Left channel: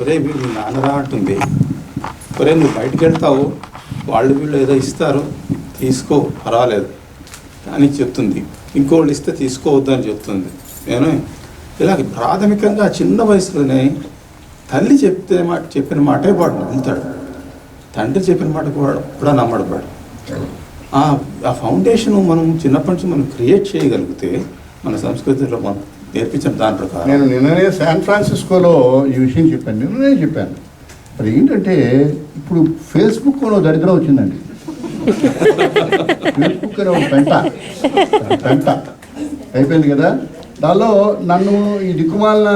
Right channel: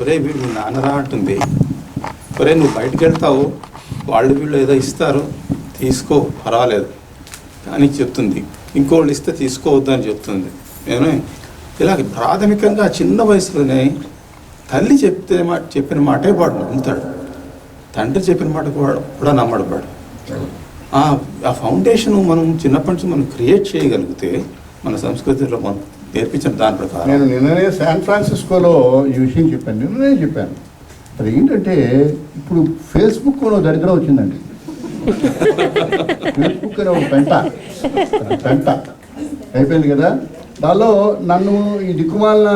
ఒరే వీళ్ళు నాన్నరా అంటుంది, ఒరే నువ్వు బయటికి వెళ్తావు, వాళ్ళు వీళ్ళు ఏదో ఇస్తారు తీసుకో పర్వాలేదు కానీ చెప్తుంది, ఇంకోళ్ళు ఇస్తే తీసుకోవద్దు అని చెప్తుంది. నేను ఇలా ప్రాథమికంగా చిన్న వయసులోనే తల్లి చెప్పిన మాటే వాడు నమ్ముతాడు, తండ్రి చెప్పిన మాట కూడా నమ్మడు వాడు. ఆ ఫౌండేషన్ మనం చిన్నప్పటి నుంచి మనం క్రియేట్ చేయగలిగితే మన సంస్కృతిలో మనం నేర్పించిన దాని ప్రకారం. నేను నిన్ననే శాన్ ఫ్రాన్సిస్కోలో ఈ విషయం చెప్పాను. అది ఏంటంటే ఇప్పుడు ఫేస్బుక్ అనే దరిద్రం వచ్చిందండి. ఫేస్బుక్ అనే ఒక పెంట అయిపోయింది కదా. దానిలో నన్ను ఈ దిక్కుమాలిన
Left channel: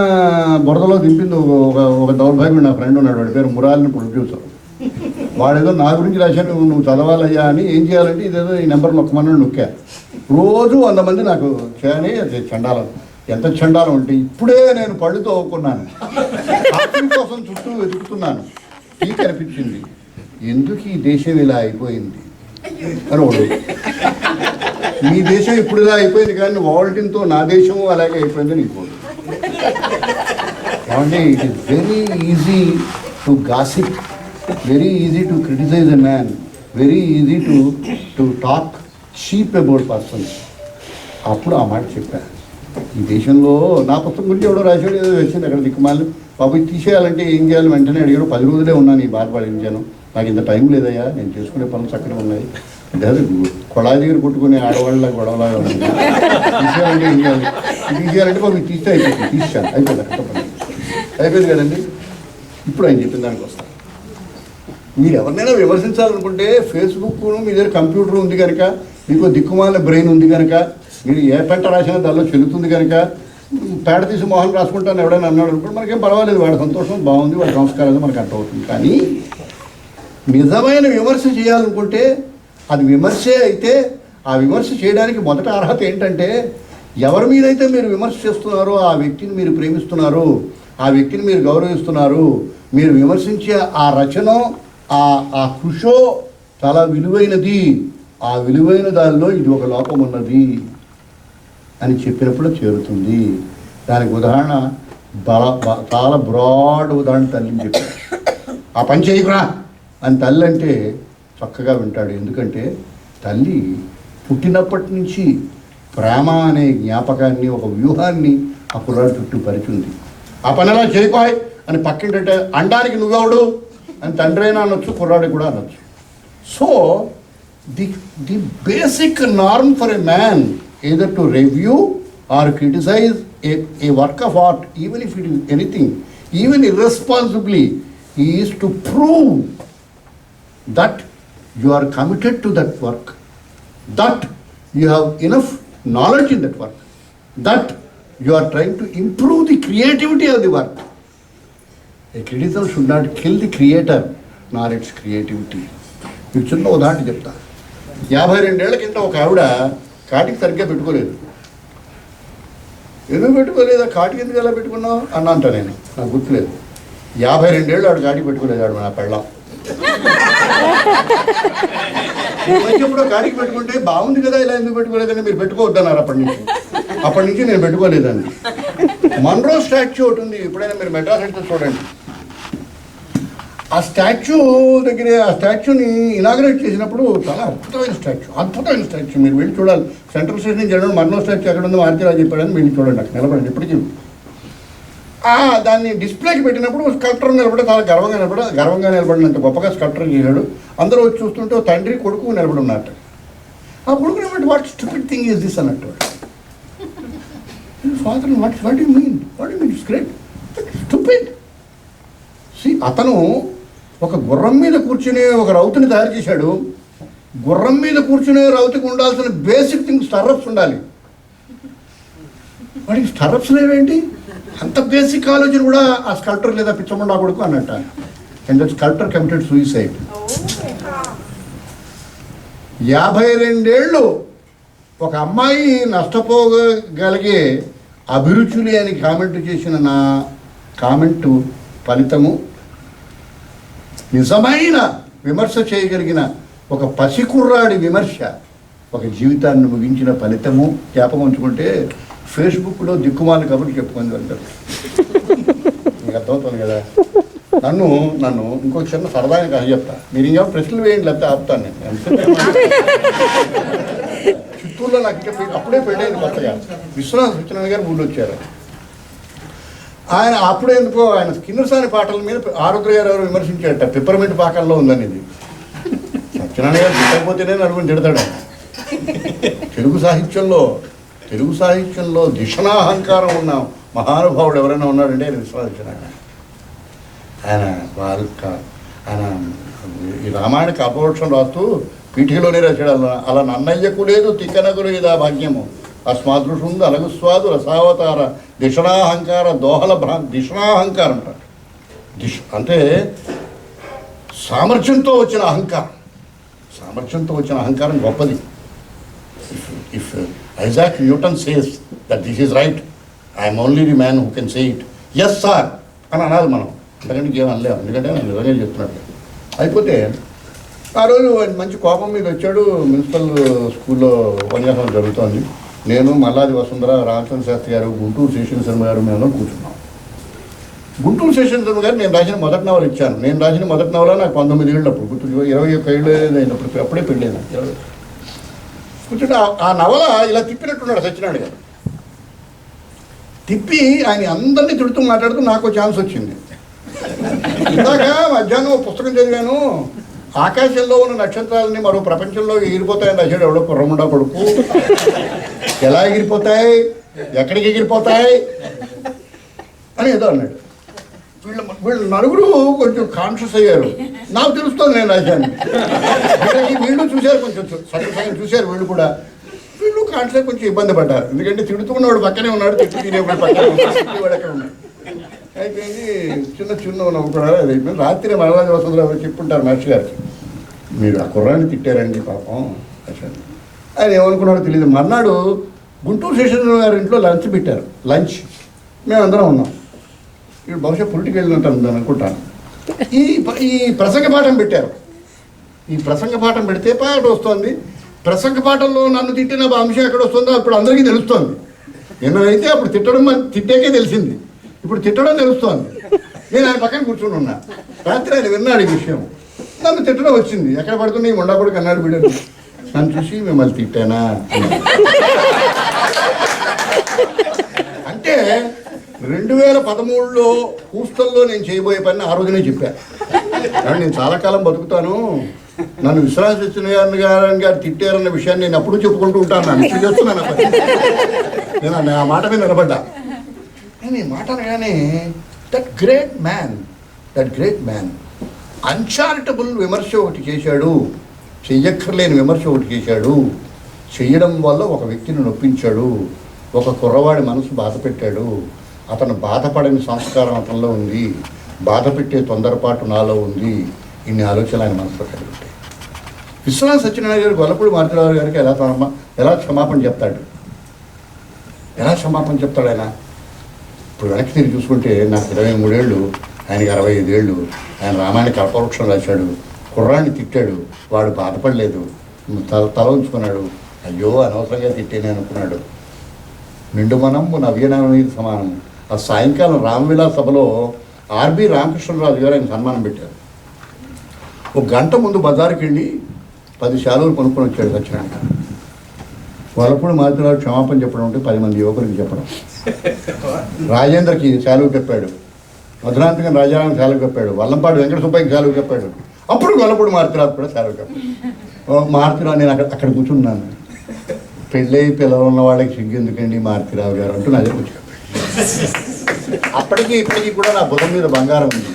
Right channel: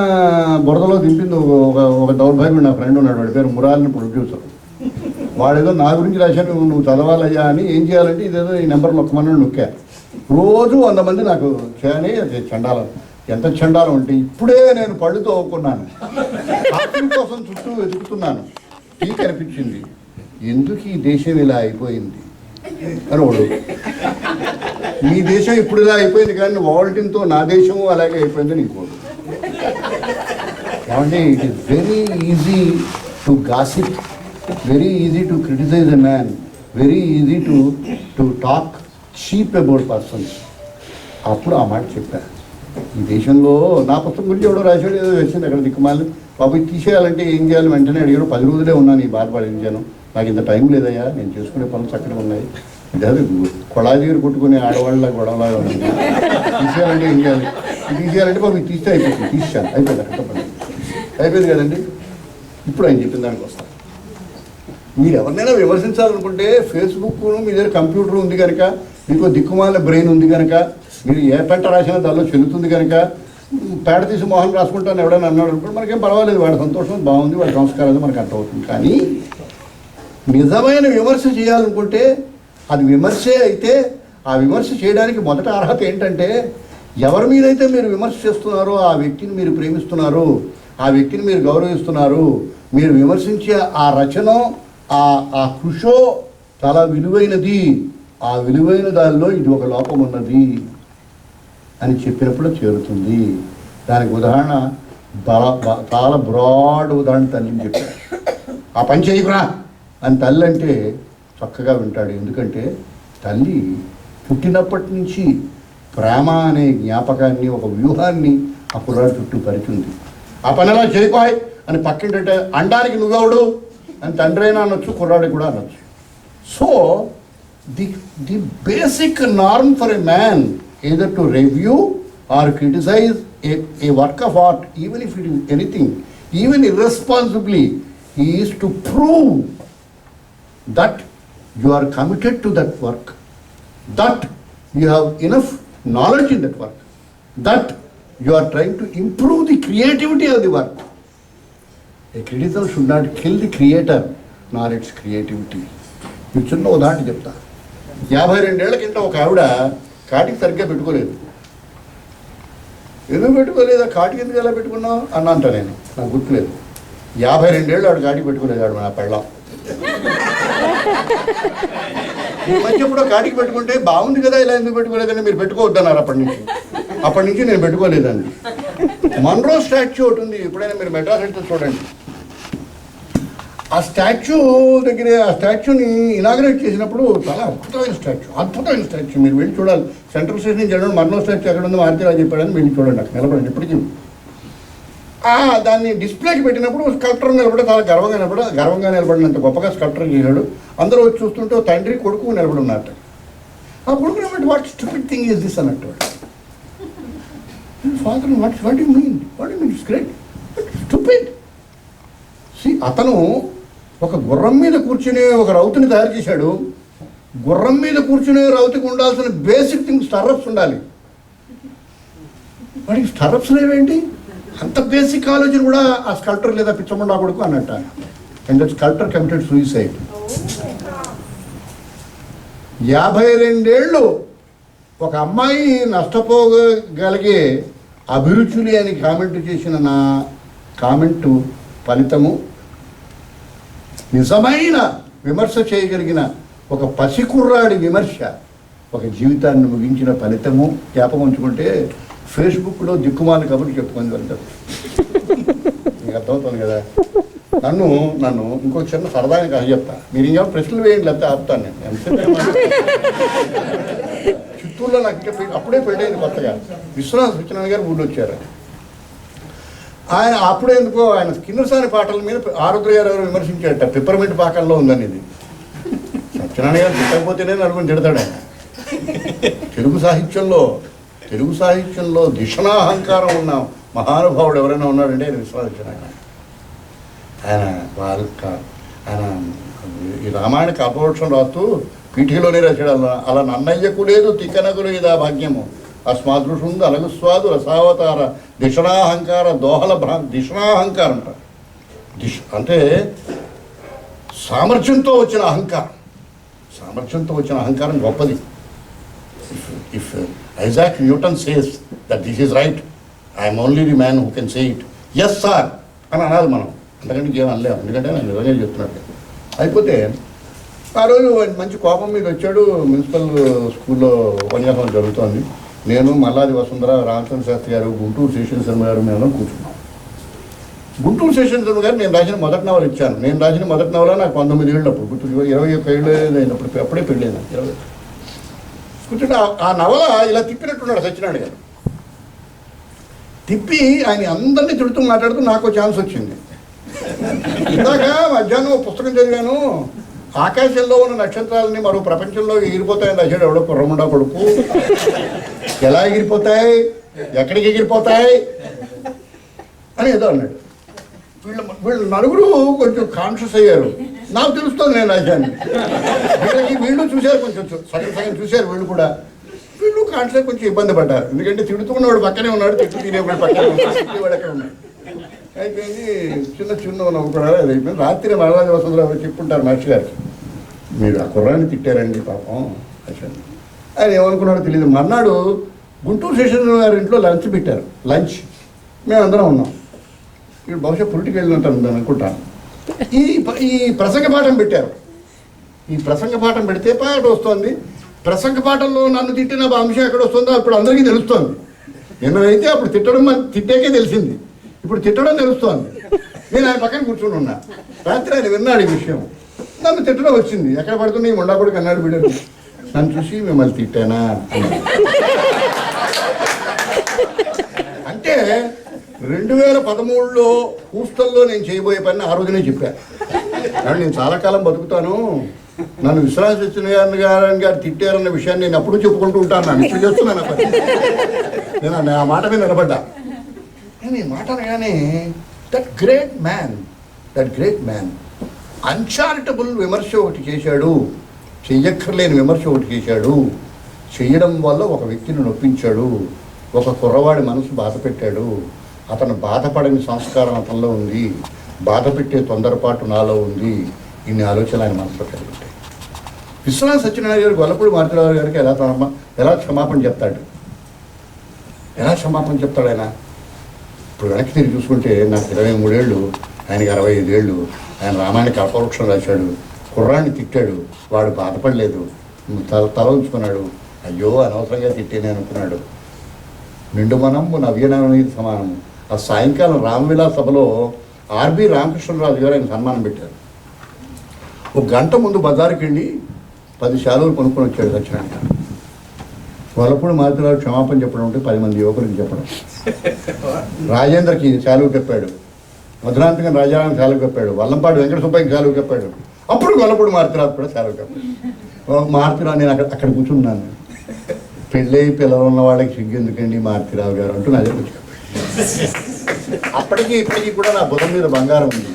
బురదలో దింపింది ఒక దౌర్భాగ్యం. నా ఫ్రెండ్ ఉన్నాడు, వాడి పేరు మురాలిని ప్రొడ్యూసర్. వాడేదో నా గురించి రాశాను, నువ్వు చదవాలయ్యా అని. ఏం చేయాలంటే ఇదేదో ఈ నెంబర్ నొక్కమని నొక్కా. రోజు 100 మంది నాకు చేయని. అది చండాలం, ఎంత చండాలం అంటే ఇప్పుడే నేను పళ్ళు తోవుకున్నాను, కాఫీ కోసం చుట్టూ వెతుకుతున్నాను, టీ కనిపించింది, ఎందుకు ఈ దేశం ఇలా అయిపోయింది అని వాడు. మీ దేశం ఇప్పుడు ఇలా అయిపోయింది కానీ వాల్టిన్తో నా దేశము అలాగే అయిపోయింది నీకు. ఏమంటే it is very easy to gossip, very easy to criticise a man, very easy to talk cheap about persons. అప్పుడు ఆ మాట చెప్పాను. ఈ దేశంలో నా పుస్తకం గురించి ఎవడో రాశాడు, ఏదో వచ్చింది అక్కడ దిక్కుమాలి బాబు తీసేయాలంటే ఏం చేయాలి వెంటనే అడిగాడు. 10 రోజులే ఉన్నాను ఈ బాధపడించాను, నాకు ఇంత టైం లేదయ్యా, నేను చేసుకునే పనులు చక్కగా ఉన్నాయి, అదే కొళాయి దగ్గర కొట్టుకునే ఆడవాళ్ళ గొడవలాగా ఉన్నాయి, తీసేయాలంటే ఏం చేయాలి, తీసేయాలంటే బాబు తీస్తే అయిపోయింది, తీసాను అయిపోయింది, అయిపోయింది కదండి. ఇప్పుడు ఆయన చెప్పిన దానికి వస్తాను. మీరు ఎవరినైనా విమర్శించాలనుకుంటే ఫేస్బుక్, మీ దగ్గర కంప్యూటర్ ఉంది కనుక, మీకు దిక్కుమాల బ్రెయిన్ ఉంది కనుక, మీరు ఏ పంట రాసినా దానిలో చెల్లుతుంది కనుక, పేడ తీసి మోహన్ రాసుకుంటాను ఎవడైనా అన్నాడు అనుకుంటే మనకేం పర్వాలేదు, వాడి సంతోషం బాగుంది, వాడి సంస్కారం మనకు అర్థమవుతుంది. కానీ నిజమైన విమర్శ చేయాలనుకుంటే అది విమర్శే అయితే ఆ విమర్శ చేయడానికి మొదట అర్హత ఏంటంటే ఎవరి మీదైతే మీరు విమర్శ చేస్తున్నారో ఆ వ్యక్తిని మీరు ప్రేమిస్తున్నారు, ఆ వ్యక్తిని మీరు గౌరవిస్తున్నారు, మీరు విమర్శించే ఆ రచన ఆ కృషో చాలా విలువైనది, ఆ విలువైన దానిలో ఇది ఒక లోపం ఉన్నది అని చెప్పినప్పుడు చేరుతుంది. దానికి ఉదాహరణ చాలా బ్రాడ్ ఉదాహరణ తల్లిని చెప్పారు. ఆ పని చేయకురా అని తల్లి అంటే చక్కగా వింటాడు. ఎందుకంటే తల్లి పుట్టినప్పటి నుంచి ప్రేమ అనే జ్ఞాపకాన్ని, ఒక వ్యూహాన్ని ఆ కుర్రాడు చుట్టూ పరిచింది. ఆ పని అలా చేయకోయ్ అని పక్కింటే అనడానికి నువ్వెవడు అని తండ్రి అయినా అనొచ్చు, కుర్రాడికి కూడా అనొచ్చు. So the basic norm for a man either to review or criticize a work of art, even if it is anything, even irresponsibly, is to prove that you are committed to that work, that you have enough knowledge in that work, that you are trying to improve the creativity of the work. A criticism should not kill the creator nor its creativity. మీకు చిన్న ఉదాహరణ చెప్తా. 52 ఏళ్ల కింద ఒక ఆవిడ కాటికి సరిగ్గా పెట్టుకోలేదు. ఎందుకు పెట్టుకోలేదు, కాటికి ఎందుకు ఎలా పెట్టుకున్నావు అని అంట. నేను నాకు గుర్తులేదు. 52 ఏళ్ళు ఆవిడ కాటికి పెట్టుకోలేదు. ఆవిడ నా పెళ్ళం. మంచిప్పుడు కాటికి పెట్టుకుంటే బాగుంది కదా, ఇలా ఎందుకు పెట్టుకోలేదని మీరు పెట్టుకోవద్దన్నారు. అప్పటి నుంచి నేను పెట్టుకోలేదండి. మన్రో స్టాచ్యూ ఒకటి ఉంది, ఎప్పుడైనా మీరు మెడ్రాస్ వెళ్తే చూడండి. ఆ స్టాచ్యూ దగ్గర, ఆ స్టాచ్యూని ఇనాగ్రేట్ చేసినప్పుడు చాలా అద్భుతమైన స్టాచ్యూ మీరు వెళ్ళి చూడాలి. సెంట్రల్ స్టేషన్ నుంచి వెళ్ళడం మర్నో స్టాచ్యూ ఎక్కడ ఉందో మారుతిరాజు చెప్పాడని వెళ్ళి చూడండి, అక్కడ నిలబడండి. ఇప్పటికీ దాన్ని డిస్ప్లేకి పెట్టినప్పుడు స్కల్ప్టర్ నిలబడి చాలా గర్వంగా నిలబడినంత గొప్పగా స్కల్ప్టర్ చేశాడు. అందరూ వచ్చి చూస్తుంటే తండ్రి కొడుకు నిలబడి ఉన్నట్టు. ఆ కొడుకు నిలబడి what stupid thing is this అన్నట్టు. Father what you mean it's great stupid. అతను ఒక గుర్రం మీద కూర్చునే ఒక రౌతుని తయారు చేశాడు. గుర్రం మీద కూర్చునే రౌతుకి ఉండాల్సిన బేసిక్ థింగ్ స్టర్రప్స్ ఉండాలి. వాడికి స్టర్రప్స్ లేవేంటి? అంత బేసిక్ ఆలోచన కూడా ఆ స్కల్ప్టర్ లేదా పిచ్చమండా కొడుకు అన్నట్ట. And that sculptor committed suicide. 52 ఏళ్ళు ఒక అమ్మాయి నష్టపోగలిగే అభిరుచులు అని కామెంట్ చేసిన నా కామెంటు ఫలితము నిజమైన విమర్శ చేయగలిగిన ఒక పసికుర్రాడి విమర్శ ఒక జీవితాన్ని ముగించిన ఫలితము. జ్ఞాపకం ఉంచుకుంటే ఫేస్బుక్లో దిక్కుమాల కబుర్లు చెప్పుకొని వెళ్తారు. మీకు అర్థమవుతుంది కదా. నన్ను ఇంకో చిన్న సరదాగా కథ చెప్తా. మీరు ఇంకా ప్రశ్నలు వేయండి, లేకపోతే ఆపుతాను నేను. చిత్తూరులో నాకు ఇంకా అప్పుడే పెళ్ళైంది కొత్తగా. విశ్వనాథ సత్యనారాయణ గారు ఊళ్ళో వచ్చారు. ఆయన అప్పుడే ఎందుకో ఆయన కిన్నెరసాని పాటల మీద ఆరుద్ర గారు ఎవరు విమర్శించారట, పిప్పర్మెంట్ పాకల్లో ఉందని. ఇది సత్యనారాయణ గారు తిట్టకపోతేనే నలుగురిని తిడతాడు. తెలుగు సాహిత్యంలో దిశనాహంకారం ఉన్న మహానుభావుడు ఎవరైనా ఉన్నాడంటే ఆయన విశ్వనాథ సత్యనారాయణ. ఆయన ఈ రామాయణకి అపరోక్షం రాస్తూ పీఠిలోనే రాశాడు. అలా నన్నయ్యకు లేదు తిక్కనకు లేదా భాగ్యము అస్మాదృషుందు అలగుస్వాదు రసావతార దిశనాహంకార దోహల దిశనాహంకారం అంటారు. అంటే సామర్థ్యంతో వచ్చిన అహంకారం గొప్పది. If Isaac Newton says that this is right, I'm only the man who can say it, yes sir అని అనాలి మనం. అంతకంటే ఏం అనలేము, ఎందుకంటే నేను నిజంగా చెప్తున్నాడు. అయిపోతే ఆ రోజు మంచి కోపం మీద వచ్చాడు. మున్సిపల్ స్కూల్లో ఉపన్యాసం జరుగుతోంది. నేను మల్లాది వసుంధర, రామచంద్ర శాస్త్రి గారు, గుంటూరు శేషన్ శర్మ గారు మేము కూర్చున్నాం. గుంటూరు శేషన్ శర్మ గారు నేను రాసిన మొదటి నవల ఇచ్చాను. నేను రాసిన మొదటి నవల నాకు 19 ఏళ్ళు అప్పుడు, గుర్తు 21 ఏళ్ళు అయినప్పుడు, అప్పుడే పెళ్ళైనా 20 కూర్చుంటే ఆ నవల ఇలా తిప్పినట్టున్నాడు సత్యనారాయణ గారు. తిప్పి ఆయన అందరినీ తిడుతూ మాట్లాడుతూ నాకు ఛాన్స్ వచ్చింది. ఇందాక మధ్యాహ్నం పుస్తకం చదివాను, ఆకాశంలో ఉన్న నక్షత్రాలని మరో ప్రపంచంలో ఎగిరిపోతాయని రాశాడు ఎవడో కుర్రముండా కొడుకు. ఎలా ఎగిరిపోతాయి, ఎక్కడికి ఎగిరిపోతాయి అని ఏదో అన్నాడు. వీళ్ళు నలుగురు కొంచెం కాన్షియస్ అయ్యారు. నాకు తెలుస్తుంది నేను రాశాను. వీళ్ళు చూశారు, కొంచెం సగం చూశారు. వీళ్ళు కాన్షియస్ కొంచెం ఇబ్బంది పడ్డారు. ఎందుకంటే తిడుతున్నవాడు పక్కనే ఉన్నాడు, తిట్టు తినేవాడు పక్కనే ఉన్నాడు, ఎక్కడ ఉన్నాడు. అయిపోయింది. చిన్న నవ్వుకున్నారు. అది అయిపోయింది. రాత్రి మల్లాది వసుంధరావు చెప్పుంటారు మాస్టర్ గారికి, మీరు ఆ కుర్రాన్ని తిట్టారండి పాపం అసలు. ఆయన ఏమనుకున్నాడో తెలియదు. మర్నాడు గుంటూరు శేషన్ గారి ఇంట్లో లంచ్ పెట్టారు. మేమందరం ఉన్నాం. ఇప్పుడు బహుశా పురిటికి వెళ్ళినట్టు అనుకుంటాను. ఈ ప్రసంగ పాఠం పెట్టారు. ఈ ప్రసంగ పాఠం పెడితే పాట వస్తుంది. ప్రసంగ పాఠంలో నన్ను తిట్టిన అంశం ఎక్కడ వస్తుందో ఇప్పుడు అందరికీ తెలుస్తోంది. నిన్నైతే అప్పుడు తిట్టాకే తెలిసింది, ఇప్పుడు తిట్టడం తెలుస్తోంది. నేను ఆయన పక్కన కూర్చొని ఉన్నా. రాత్రి ఆయన విన్నాడు ఈ విషయం. నన్ను తిట్టడం వచ్చింది. ఎక్కడ పడుతుంది ఈ ఉండకూడదు అన్నాడు వీడు. నన్ను చూసి మిమ్మల్ని తిట్టానా అంటే 2013లో హూస్టన్లో నేను చేయబోయే పని ఆ రోజునే చెప్పాను. నేను చాలా కాలం బతుకుతాను, నన్ను విశ్వనాథ సత్యనారాయణ గారు తిట్టారన్న విషయాన్ని నేను అప్పుడు చెప్పుకుంటూ ఉంటాను. నన్ను ఇష్టం చేస్తున్నాను. నేను ఆ మాట మీద నిలబడ్డా. నేను ఈ మాట అనగానే దట్ గ్రేట్ మ్యాన్ అన్చారిటబుల్ విమర్శ ఒకటి చేశాడు, చెయ్యక్కర్లేని విమర్శ ఒకటి చేశాడు. చెయ్యడం వల్ల ఒక వ్యక్తిని నొప్పించాడు, ఒక కుర్రవాడి మనసు బాధ పెట్టాడు. అతను బాధపడని సంస్కారం అతనిలో ఉంది, బాధ పెట్టే తొందరపాటు నాలో ఉంది. ఇన్ని ఆలోచనలు ఆయన మనసులో కలిగి ఉంటాయి. విశ్వనాథ సత్యనారాయణ గారు గొల్లపూడి మారుతిరావు గారికి ఎలా క్షమాపణ చెప్తాడు ఆయన? ఇప్పుడు వెనక్కి తిరిగి చూసుకుంటే నాకు 23 ఏళ్ళు, ఆయనకి 65 ఏళ్ళు. ఆయన రామాయణకి అపరోక్షం రాశాడు. కుర్రాన్ని తిట్టాడు, వాడు బాధపడలేదు, తల ఉంచుకున్నాడు. అయ్యో అనవసరంగా తిట్టేనే అనుకున్నాడు. నిండు మనము నవ్యనవనీతి సమానము. ఆ సాయంకాలం రామవిలాస్ సభలో ఆర్బి రామకృష్ణరాజు గారు ఆయన సన్మానం పెట్టారు. ఒక గంట ముందు బజారుకి వెళ్ళి 10 శాలువలు కొనుక్కొని వచ్చాడు సత్యనారాయణ గారు. గొల్లపూడి మారుతిరావు క్షమాపణ చెప్పడం అంటే 10 మంది యువకులకు చెప్పడం. రాజేంద్రకి శాలువ చెప్పాడు, మధురాంతకం రాజారానికి శాలువ చెప్పాడు, వల్లంపాడు వెంకట సుబ్బయ్యకి శాలువ చెప్పాడు. అప్పుడు గొల్లపూడి మారుతిరావు కూడా శాలువ చెప్పాడు. మారుతిరావు నేను అక్కడ కూర్చున్నాను. పెళ్ళై పిల్లలు ఉన్న వాళ్ళకి సిగ్గు ఎందుకండి మారుతిరావు గారు అంటూ నా దగ్గర వచ్చి చెప్పాడు. అప్పటికి ఇప్పటికీ కూడా నా బుధం మీద బంగారం ఉంది.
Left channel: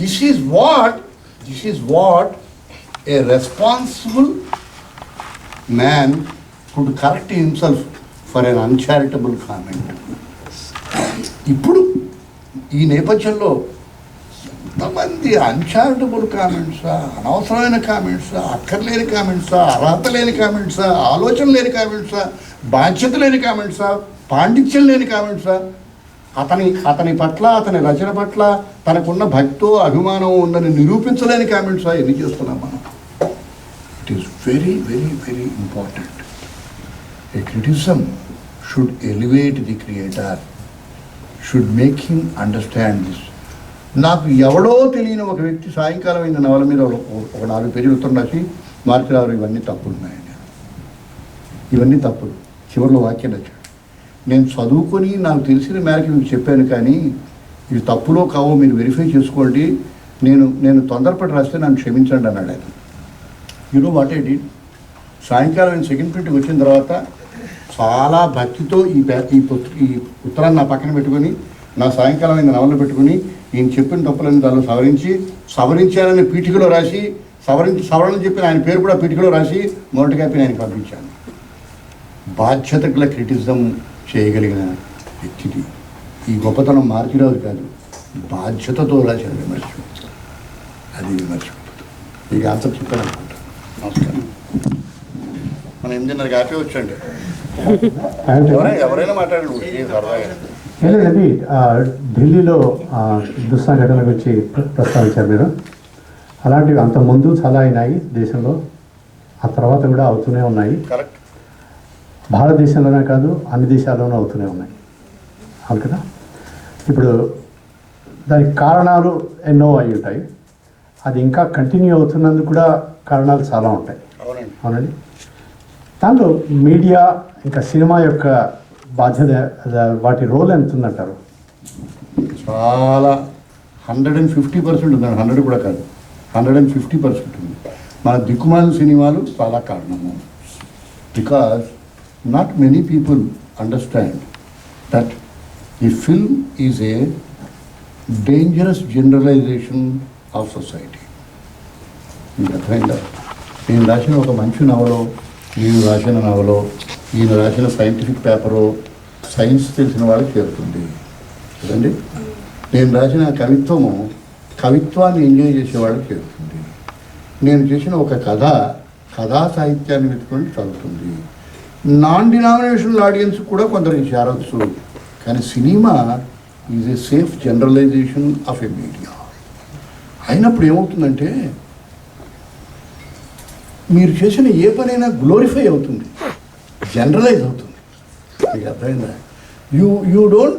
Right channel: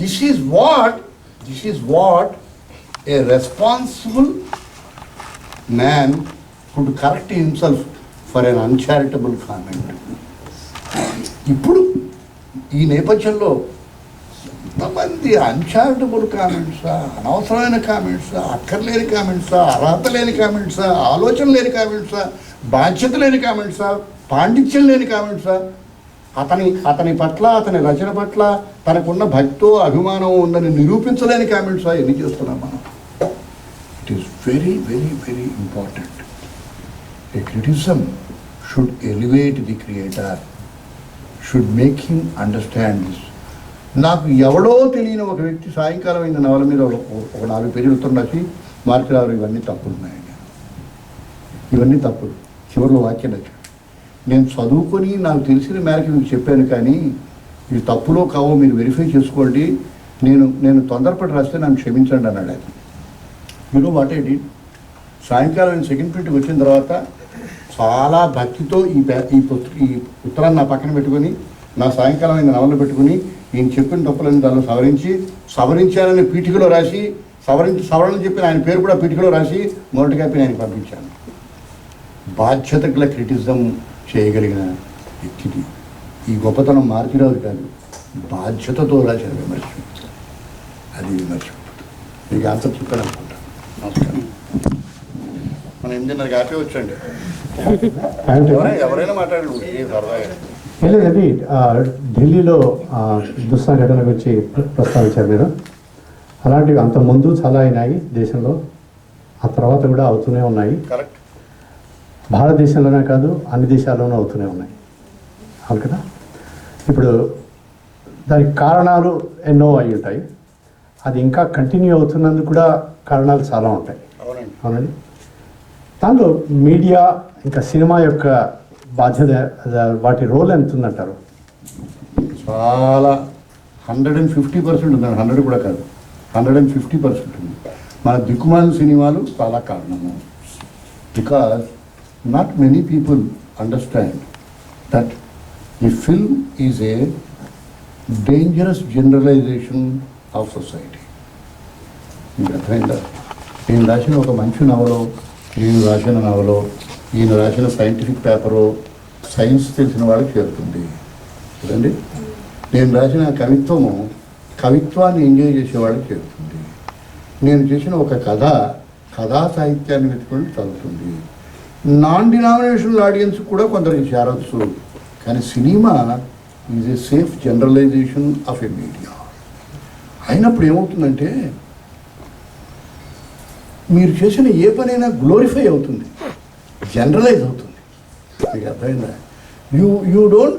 This is what a responsible man could correct himself for an uncharitable comment. ఇప్పుడు ఈ నేపథ్యంలో ఎంతమంది అన్చారిటబుల్ కామెంట్సా, అనవసరమైన కామెంట్సా, అక్కర్లేని కామెంట్సా, అర్హత లేని కామెంట్సా, ఆలోచన లేని కామెంట్సా, బాధ్యత లేని కామెంట్సా, పాండిత్యం లేని కామెంట్సా, అతని పట్ల, అతని రచన పట్ల తనకున్న భక్తో అభిమానం ఉందని నిరూపించలేని కామెంట్సా ఎన్ని చేస్తున్నాం మనం. It is very very very important. A criticism should elevate the creator, should make him understand this. నాకు ఎవడో తెలియని ఒక వ్యక్తి సాయంకాలం అయిన నవల మీద ఒక 4 పేజీలు ఉత్తరం రాసి మార్చిరావు ఇవన్నీ తప్పులు ఉన్నాయండి, ఇవన్నీ తప్పులు. చివరిలో వాక్యం వచ్చాడు, నేను చదువుకొని నాకు తెలిసిన మేరకు మీకు చెప్పాను, కానీ ఇవి తప్పులో కావో మీరు వెరిఫై చేసుకోండి, నేను తొందరపడి రాస్తే నన్ను క్షమించండి అన్నాడు ఆయన. You know what I did? సాయంకాలం సెకండ్ ప్రింట్కి వచ్చిన తర్వాత చాలా భక్తితో ఈ ఉత్తరాన్ని నా పక్కన పెట్టుకొని నా సాయంకాలం అయిన నవల్లో పెట్టుకుని ఈయన చెప్పిన తప్పులని దానిలో సవరించాలని పీఠికలో రాసి సవరణలు చెప్పిన ఆయన పేరు కూడా పీఠికలో రాసి మొదటి కాపీని ఆయనకి పంపించాను. బాధ్యత గల క్రిటిసిజం చేయగలిగిన వ్యక్తికి ఈ గొప్పతనం మార్చిరావు కాదు, బాధ్యతతో రాసిన విమర్శ. అది విమర్శ. మీకు ఆన్సర్ చెప్పాను అనుకుంటా. నమస్కారం. మనం 8:30 ఆపే వచ్చండి. ఎవరైనా మాట్లాడండి సరదాగా. లేదండి, ఢిల్లీలో దుస్సంఘటన గురించి ప్రస్తావించారు మీరు. అలాంటివి అంతకుముందు చాలా అయినాయి దేశంలో, ఆ తర్వాత కూడా అవుతూనే ఉన్నాయి. కరెక్ట్. భారతదేశంలోనే కాదు అన్ని దేశాల్లోనూ అవుతూనే ఉన్నాయి, అవును కదా. ఇప్పుడు దానికి కారణాలు ఎన్నో అయి ఉంటాయి, అది ఇంకా కంటిన్యూ అవుతున్నందుకు కూడా కారణాలు చాలా ఉంటాయి. అవునండి. దాంట్లో మీడియా ఇంకా సినిమా యొక్క బాధ్యత, వాటి రోల్ ఎంత ఉందంటారు? చాలా 150% ఉందండి. 100 కూడా కాదు, 150% ఉంది. మన దిక్కుమాలిన సినిమాలు చాలా కారణము. Because not many people understand that ఈ film is a dangerous generalization of society. మీకు అర్థమైందా? నేను రాసిన ఒక మంచి నవలో, నేను రాసిన నవలో, ఈయన రాసిన సైంటిఫిక్ పేపరు సైన్స్ తెలిసిన వాళ్ళకి చేరుతుంది కదండి. నేను రాసిన కవిత్వాన్ని ఎంజాయ్ చేసే వాళ్ళకి చేరుతుంది. నేను చేసిన ఒక కథా సాహిత్యాన్ని వెతుకుని చదువుతుంది. నాన్ డినామినేషనల్ ఆడియన్స్ కూడా కొందరికి చేరవచ్చు. కానీ cinema is a safe generalisation of a media. అయినప్పుడు ఏమవుతుందంటే మీరు చేసిన ఏ పనైనా గ్లోరిఫై అవుతుంది, జనరలైజ్ అవుతుంది. మీకు అర్థమైందా? You don't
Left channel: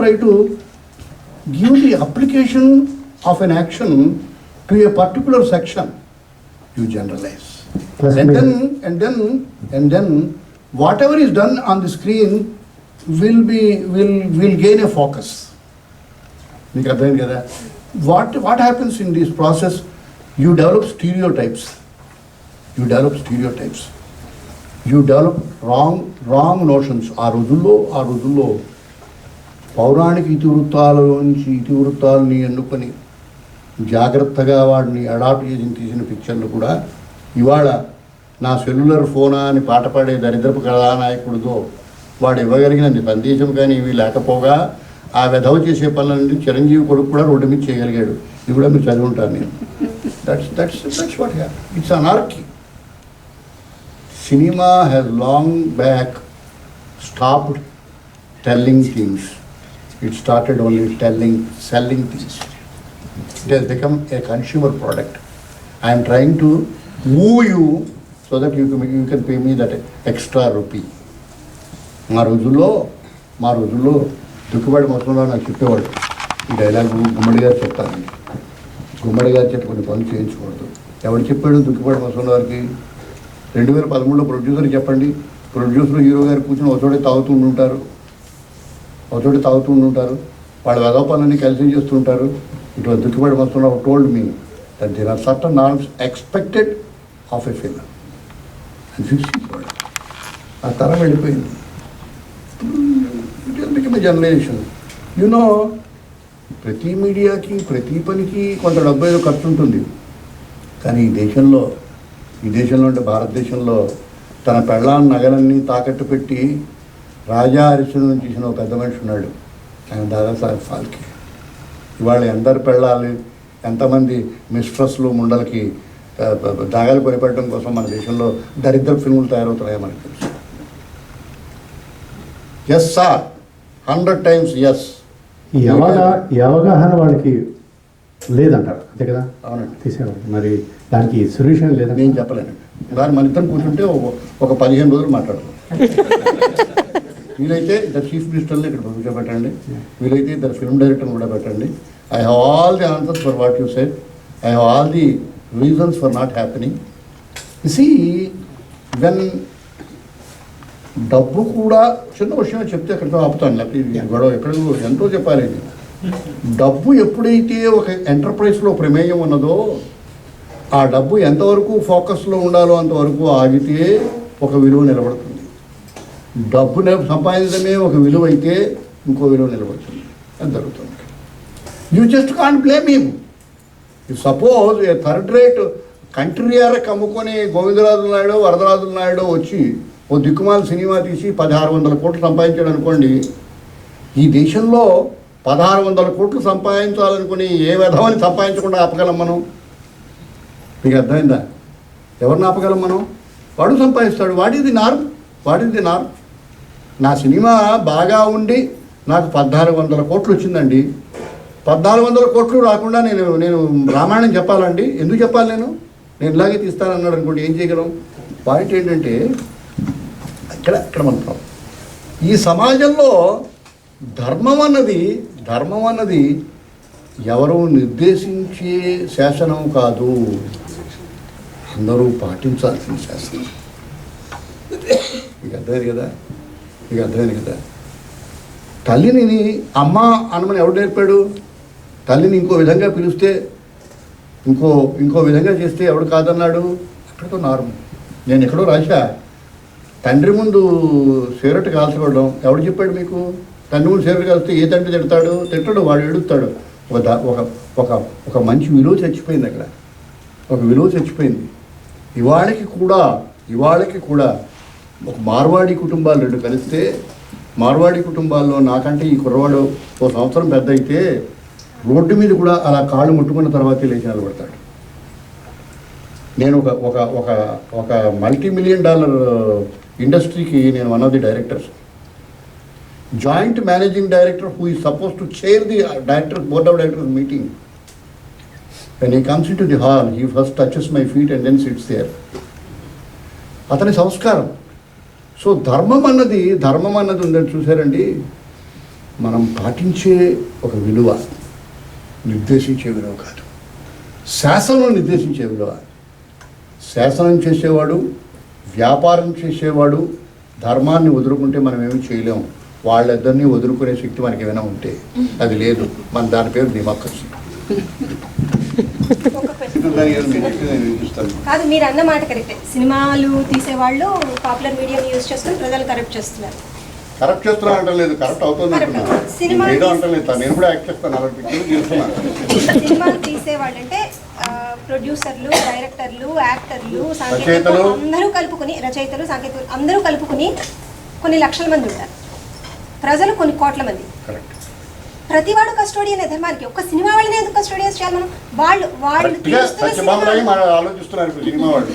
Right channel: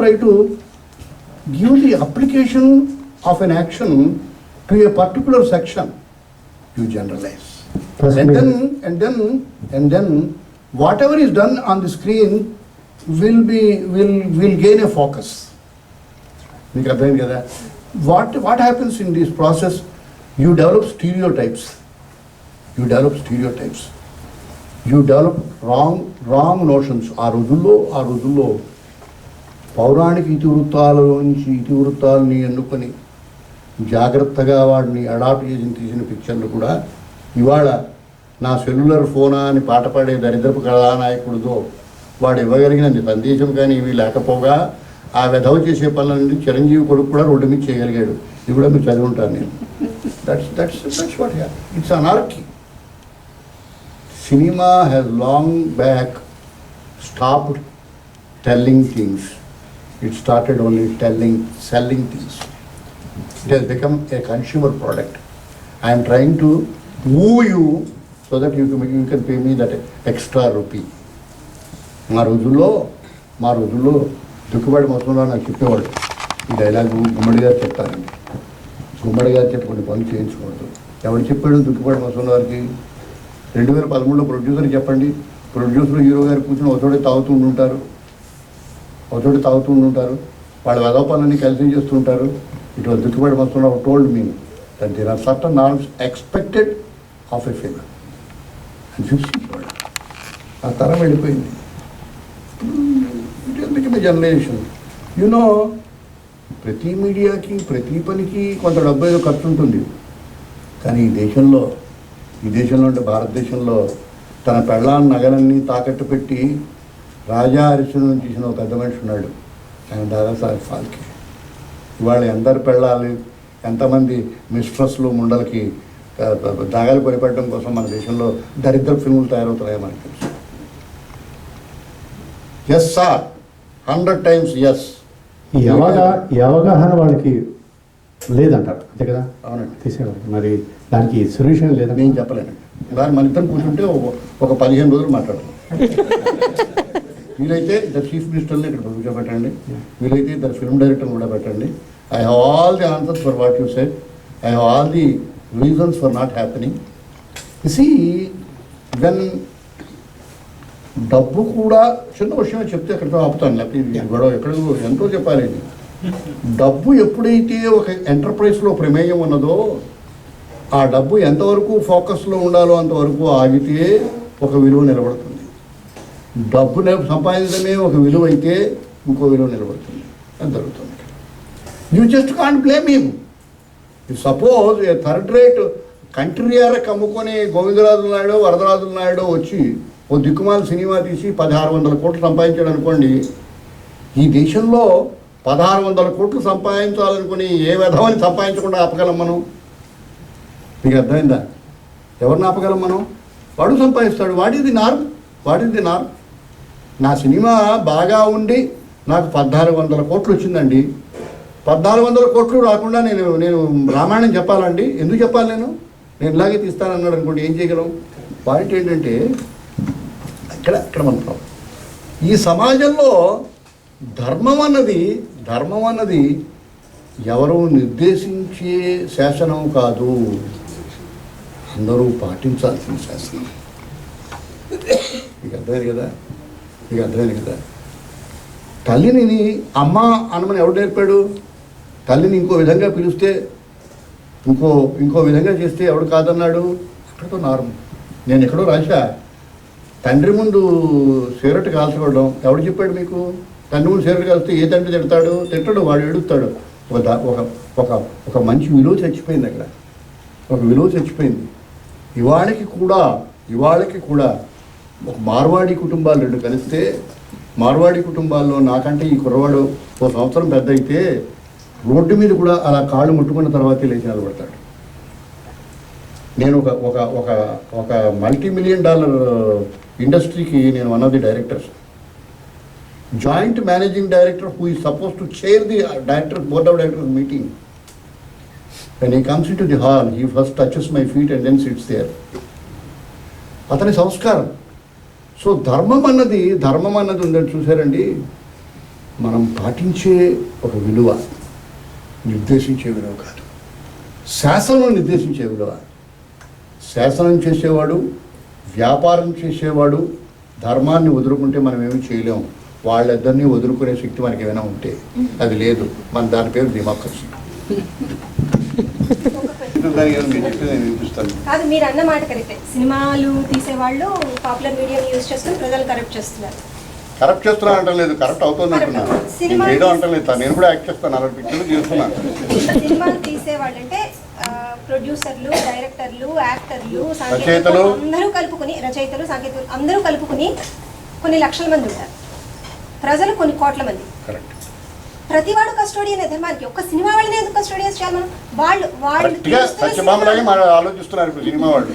try to give the application of an action to a particular section. You generalise. And then whatever is done on the screen will gain a focus. మీకు అర్థమైంది కదా? What happens in this process? You develop stereotypes. You develop wrong notions. ఆ రోజుల్లో పౌరాణిక ఇతివృత్తాలలోంచి ఇతివృత్తాలని ఎన్నుకొని జాగ్రత్తగా వాడిని adapt చేసి తీసిన పిక్చర్లు కూడా ఇవాళ నా సెల్యులర్ ఫోనా అని పాట పాడే దరిద్రపు కథానాయకుడితో వాడు ఇవ్వగలిగిన సందేశం కానీ ఇవి లేకపోగా ఆ వెధవ చేసే పనుల నుండి చిరంజీవి కొడుకు కూడా రోడ్డు మీద చేయగలిగాడు. ఇది కూడా మీరు చదివి ఉంటాను నేను. That's what happen. It's anarchy. Cinema has long back stopped telling things. It started only selling things. It has become a consumer product. I am trying to woo you so that you can pay me that extra rupee. మా రోజుల్లో దుక్కుబాటి మొత్తంలో నాకు చెప్పేవాడు ఈ dialogue. గుమ్మడి గారు చెప్తారండి. గుమ్మడి గారు చెప్పి కొన్ని పనులు చేయించకూడదు. ఎవరు చెప్పాడు దుక్కుబాటి మొత్తం వారికి? 2013లో ప్రొడ్యూసర్ చెప్పండి. ప్రొడ్యూసర్ హీరో గారు కూర్చొని ఒకచోటే తాగుతూ ఉంటుంటారు. వాళ్ళు వెదవ పనులన్నీ కలిసి చేస్తుంటారు. ఇటు దుక్కుబాటి మొత్తంలో told me that there are certain norms expected of a film అని ఫిక్స్ చేయబడ్డాడు. ఆ తరం వెళ్ళిపోయింది. It has become a generation. You know ప్రతి మీడియాకి ప్రతి పనికి కొంత డబ్బు ఏదో ఖర్చు ఉంటుంది. కానీ ఈ దేశంలో అంటే భారతదేశంలో తన పెళ్ళాన్ని నగలన్నీ తాకట్టు పెట్టి రాజా హరిశ్చంద్రుని చేసిన ఒక పెద్ద మనిషి ఉన్నాడు, ఆయన దాదాసాహెబ్ ఫాల్కే. ఇవాళ ఎందరు పెళ్ళాలి, ఎంతమంది మిస్ట్రస్లు ముండలకి దాగాలు కొనిపెట్టడం కోసం మన దేశంలో దరిద్ర ఫిల్ములు తయారవుతున్నాయో మనకి తెలుసు. Yes sir, 100 times yes. ఈ అవగాహన వాళ్ళకి లేదంటారు, అంతే కదా? అవునండి, తీసేవాళ్ళు. మరి దానికి సొల్యూషన్ లేదని నేను చెప్పలేనండి. దాన్ని మన ఇద్దరం కూర్చుంటే ఒక 15 రోజులు మాట్లాడతాం. వీలైతే ఇద్దరు చీఫ్ మినిస్టర్ని ఇక్కడ కూర్చోబెట్టండి, వీలైతే ఇద్దరు ఫిల్మ్ డైరెక్టర్ని కూడా పెట్టండి. I have all the answers for what you said, I have all the reasons for not happening. See when డబ్బు కూడా చిన్న విషయం చెప్తే అక్కడితో ఆపుతాను, లేకపోతే ఇది గొడవ ఎక్కడికి ఎంతో చెప్పాలి. ఇది డబ్బు ఎప్పుడైతే ఒక ఎంటర్ప్రైజ్లో ప్రమేయం ఉన్నదో ఆ డబ్బు ఎంతవరకు ఫోకస్లో ఉండాలో అంతవరకు ఆగితే ఒక విలువ నిలబడుతుంది. డబ్బు సంపాదించడమే ఒక విలువ అయితే ఇంకో విలువ నిలబడుతుంది. అది జరుగుతుంది. You just can't blame him. If suppose a third rate కంట్రీయర్కి అమ్ముకొని గోవిందరాజుల నాయుడు వరదరాజుల నాయుడు వచ్చి ఓ దిక్కుమాల సినిమా తీసి 1600 కోట్లు సంపాదించాడు అనుకోండి, ఈ దేశంలో 1600 కోట్లు సంపాదించాలనుకుని ఏ విధమని సంపాదించకుండా ఆపగలం మనం? మీకు అర్థమైందా? ఎవరిని ఆపగలం మనం? వాడు సంపాదిస్తాడు. What is the norm? నా సినిమా బాగా ఉండి నాకు 1400 కోట్లు వచ్చిందండి. 1400 కోట్లు రాకుండా నేను రామాయణం చెప్పాలండి? ఎందుకు చెప్పాలి? నేను ఇలాగే తీస్తానన్నాడు అనుకోండి, ఏం చేయగలం? పాయింట్ ఏంటంటే ఇక్కడ మన ప్రాబ్లం. ఈ సమాజంలో ధర్మం అన్నది ఎవరు నిర్దేశించే శాసనం కాదు, అందరూ పాటించాల్సిన శాసనం. మీకు అర్థమైంది కదా? తల్లిని అమ్మ అనమని ఎవడు నేర్పాడు? తల్లిని ఇంకో విధంగా పిలిస్తే ఇంకో విధంగా చేస్తే ఎవడు కాదన్నాడు? అక్కడితో నార్మ్. నేను ఎక్కడో రాశా, తండ్రి ముందు సిగరెట్ కాల్చుకోవడం ఎవడు చెప్పాడు మీకు? తండ్రి ముందు సిగరెట్ కాల్స్తే ఏ తండ్రి తిట్టడు, వాడు ఏడుస్తాడు. ఒక మంచి విలువ చచ్చిపోయింది అక్కడ, ఒక విలువ చచ్చిపోయింది. ఇవాళకి కూడా ఒక మార్వాడి కుటుంబాలు 2 కలిస్తే, మార్వాడి కుటుంబాల్లో నాకంటే ఈ కుర్రవాడు 1 సంవత్సరం పెద్ద అయితే రోడ్డు మీద కూడా అలా కాళ్ళు ముట్టుకున్న తర్వాతే లేచి నిలబడతాడు. నేను ఒక $multi-million ఇండస్ట్రీకి నేను one of the directors, joint managing director who is suppose to chair the board of directors meeting. When he comes into the hall, he first touches my feet and then sits there. అతని సంస్కారం. So ధర్మం అన్నది ఉందని చూసారండి, మనం పాటించే ఒక విలువ, నిర్దేశించే విలువ కాదు. శాసనం నిర్దేశించే విలువ. శాసనం చేసేవాడు, వ్యాపారం చేసేవాడు ధర్మాన్ని వదులుకుంటే మనం ఏమి చేయలేము. వాళ్ళిద్దరినీ వదులుకునే శక్తి మనకి ఏమైనా ఉంటే అది లేదు. మన దాని పేరు డెమోక్రసీ. కాదు, మీరు అన్న మాట కరెక్టే. సినిమాలు తీసేవాళ్ళు పాపులర్ మీడియాని యూజ్ చేసుకుని ప్రజలు కరప్ట్ చేస్తున్నారు అంటలేదు, కరప్ట్ అవుతుంది అంటున్నాను. ఏదో అంటలేదు, నేను కూడా యాక్ట్ చేస్తాను, అలా పిక్చర్లు తీస్తున్నాను. సినిమాలు తీసేవాళ్ళు అంటే ప్రొడ్యూసర్లు, డైరెక్టర్లు, యాక్టర్లు, సాంకేతికులు అందరూ కలుపుకుని, రచయితలు, సాంకేతికులు అందరూ కలుపుకుని కొన్ని లక్షల మంది ఉంటారు. ప్రజలు కొన్ని కోట్ల మంది. ప్రతివాడు కస్టోడియన్ ధర్మానికి. ఒక్క సినిమా వాళ్ళని ఎందుకు కస్టోడియన్స్ చేయాలి మనం? వాళ్ళు ఆలోచిస్తున్నారు సినిమా వాళ్ళు.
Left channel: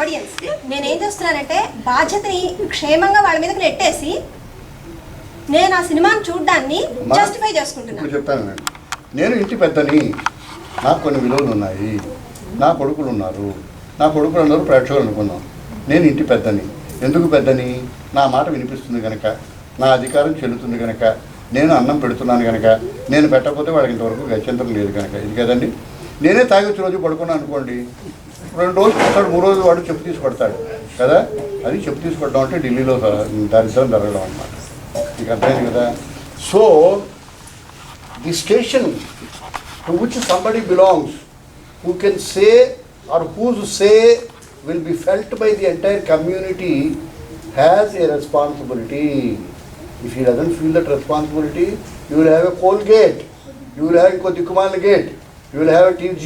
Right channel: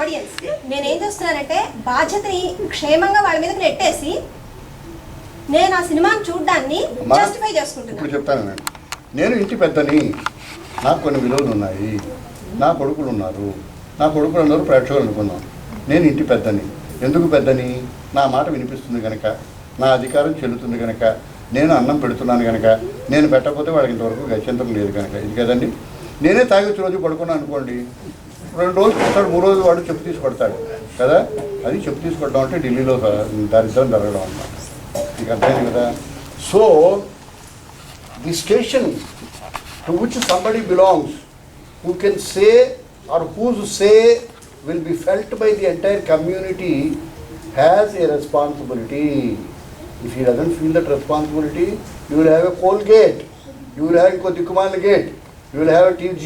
ఆడియన్స్ నేనేం చేస్తున్నానంటే బాధ్యతని క్షేమంగా వాళ్ళ మీదకి నెట్టేసి నేను ఆ సినిమాని చూడడాన్ని జస్టిఫై చేసుకుంటున్నాను. చెప్తాను, నేను ఇంటి పెద్దని, నాకు కొన్ని విలువలు ఉన్నాయి, నా కొడుకులు ఉన్నారు, నా కొడుకులు అందరూ ప్రేక్షకులు అనుకున్నాం. నేను ఇంటి పెద్దని. ఎందుకు పెద్దని? నా మాట వినిపిస్తుంది కనుక, నా అధికారం చెల్లుతుంది కనుక, నేను అన్నం పెడుతున్నాను కనుక, నేను పెట్టకపోతే వాళ్ళకి ఇంతవరకు గత్యంతరం లేదు కనుక. ఇది కదండి. నేనే తాగొచ్చి రోజు పడుకున్నాను అనుకోండి, 2 రోజులు కొడతాడు, 3 రోజులు వాడు చెప్పు తీసి కొడతాడు కదా. అది చెప్పు తీసి కొట్టడం అంటే ఢిల్లీలో దరిద్రం జరగడం అన్నమాట. మీకు అర్థమైంది కదా. So the station to which somebody belongs, who can say or whose say will be felt by the entire community, has a responsibility. If he doesn't feel that responsibility, you will have a coal gate, you will have Kodikumal gate, you will have a TG,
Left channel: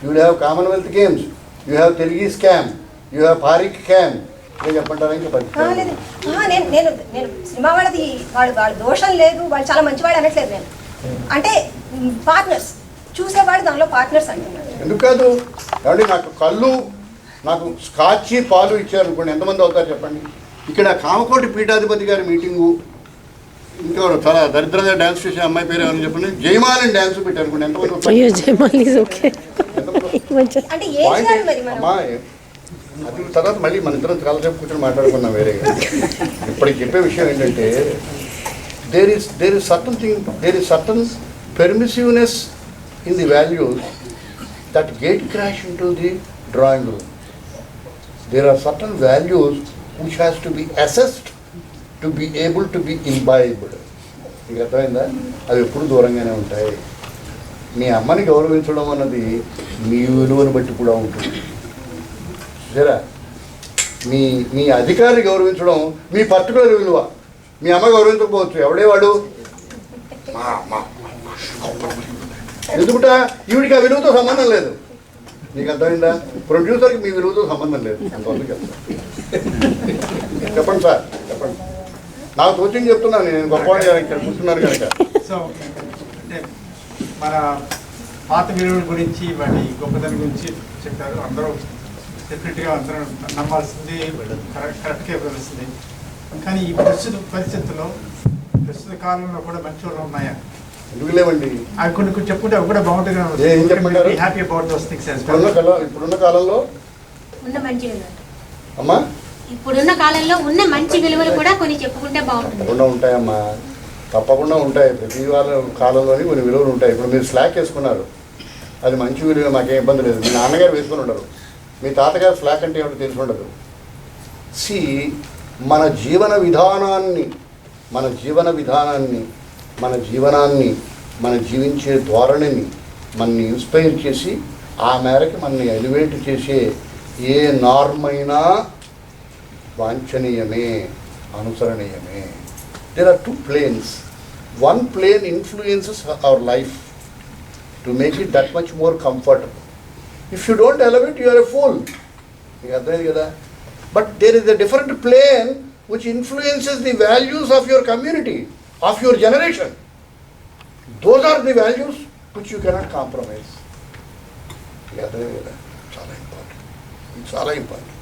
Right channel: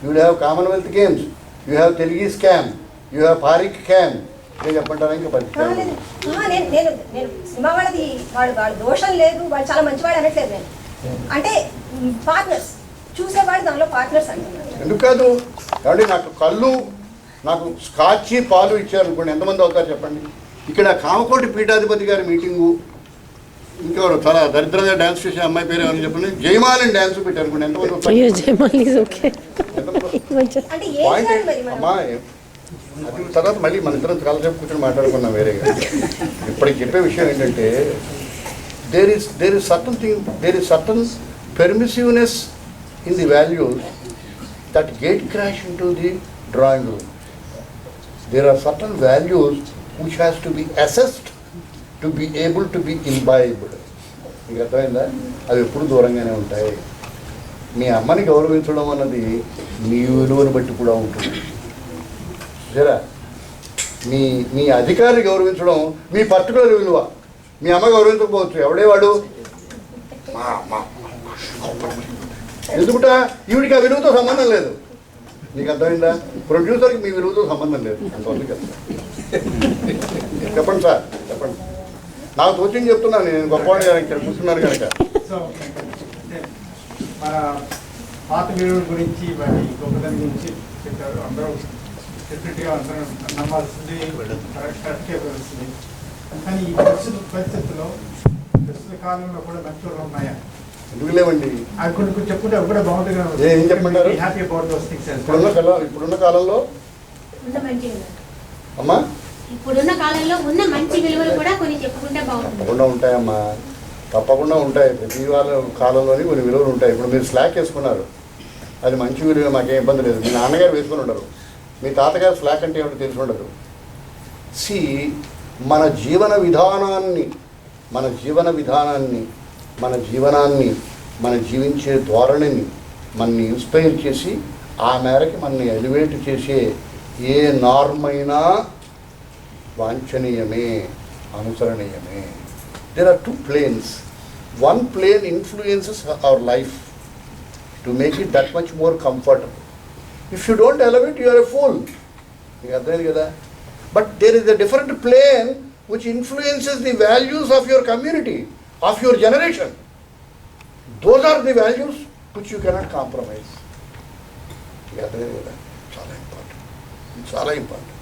you will have Commonwealth Games, you have Telgi scam, you have Parik scam. నేను cinema వాళ్ళది వాళ్ళ దోషం లేదు, వాళ్ళు చాలా మంచివాడు అనట్లేదు. నేను అంటే పార్ట్నర్స్, చూసేవాడు దానిలో పార్ట్నర్స్ అంటున్నాడు. ఎందుకు కాదు? ఏమండి, నాకు స్కాచ్ పాలు ఇచ్చారనుకోండి, ఎంతమంది అవుతారు చెప్పండి? ఇక్కడ కామకోటి పీఠాధిపతి గారి మీటింగు, ఇంకెవరు చాలా దరిద్రంగా డ్యాన్స్ చేసే అమ్మాయి పేరు ఏమని చెప్పండి, జయమాలని డ్యాన్స్ పెట్టారనుకోండి, ఎంతమంది అవుతారు? అంటే ఏం చేయాలి మరి మనం? అమ్మా అది తర్వాత మళ్ళీ మన ఇద్దరం చాలాసేపు కూర్చొని మాట్లాడుకున్నాం వేరేగా. ఇప్పటికి చెప్పే విషయం ఏంటంటే there is certain permissiveness in the values that gate crash into the drawing room. There are certain values which has to be assessed to be able to be imbibed. మీకు అర్థమైందా? అవి ఎప్పుడు దూరంగానే ఉంటాయి. మీ అమ్మని గౌరవించడం అన్నది మీ విలువను బట్టి కూడా ఉంటుంది. సరే, మీ అధికారిని గౌరవించడం మీ పర్టికులర్ విలువ. మీ అమ్మ గౌరవించకపోవచ్చు, ఎవడేవాడు ఎందుకుంట ఈవిడికి ఆ విలువతో సంబంధం లేదు. నీకు అర్థమైందా? ప్రొడ్యూసర్కి మీ విలువతో సంబంధం లేదు. అంతవరకు చెప్పండి సార్, చెప్పండి. నాకు తోచింది చెప్తున్నాను, నేను గొప్పవాడిగా ఇక్కడ కూర్చున్నాను కనుక. సో అంటే మన పాత విలువల గురించి వాటి గొప్పతనం గురించి చెప్పారు. అందరూ డెఫినెట్గా అందరూ నమ్మాల్సింది, కరెక్ట్గా వస్తుంది. కానీ ఈ పరిస్థితుల్లో ప్రస్తుత కాలంలో కూడా మంచి వాళ్ళు ఉన్నాయా? ఎందుకు లేవండి? అవి కొన్ని చెప్పుకుంటే అవి కూడా బాగుంటుంది. ఏం చెప్పంటారు? Happy about those things. ఇప్పుడున్న కాలంలో ఉన్న మంచి విలువలు, అమ్మా ఇప్పుడున్న కాలంలో ఉన్న మంచి విలువలు కూడా కొన్ని చెప్పుకుంటే బాగుంటుంది. తప్పకుండా ఉంటాయమ్మా, తప్పకుండా ఉంటాయి. ప్రతి వాళ్ళ కాలంలోని కొన్ని విలువలు ఉంటాయి. ఇప్పుడు మీరు స్లాక్ వేసుకున్నారు, అది మంచి విలువ, మాకేం ఇబ్బంది లేదు. మీ నాన్నగారు వేసుకుని ఉండరు, మీ తాతగారు స్లాక్ అంటే ఏమిటో తెలిసి ఉండదు. మన జీవనాన్ని మన జీవించే ధోరణిని మనని ఇన్స్పైర్ చేసి ఆ మేరకి మనని ఎలివేట్ చేసే ఏ నార్మ్ అయినా వాంఛనీయమే, అనుసరణీయమే. There are two planes. One plane influences our life to make it that much more comfortable. If you don't elevate, you are a fool. మీకు అర్థమైంది కదా? But there is a different plane which influences the values of your community, of your generation. Those are the values which you cannot compromise. మీకు అర్థమైంది కదా? చాలా important, చాలా important.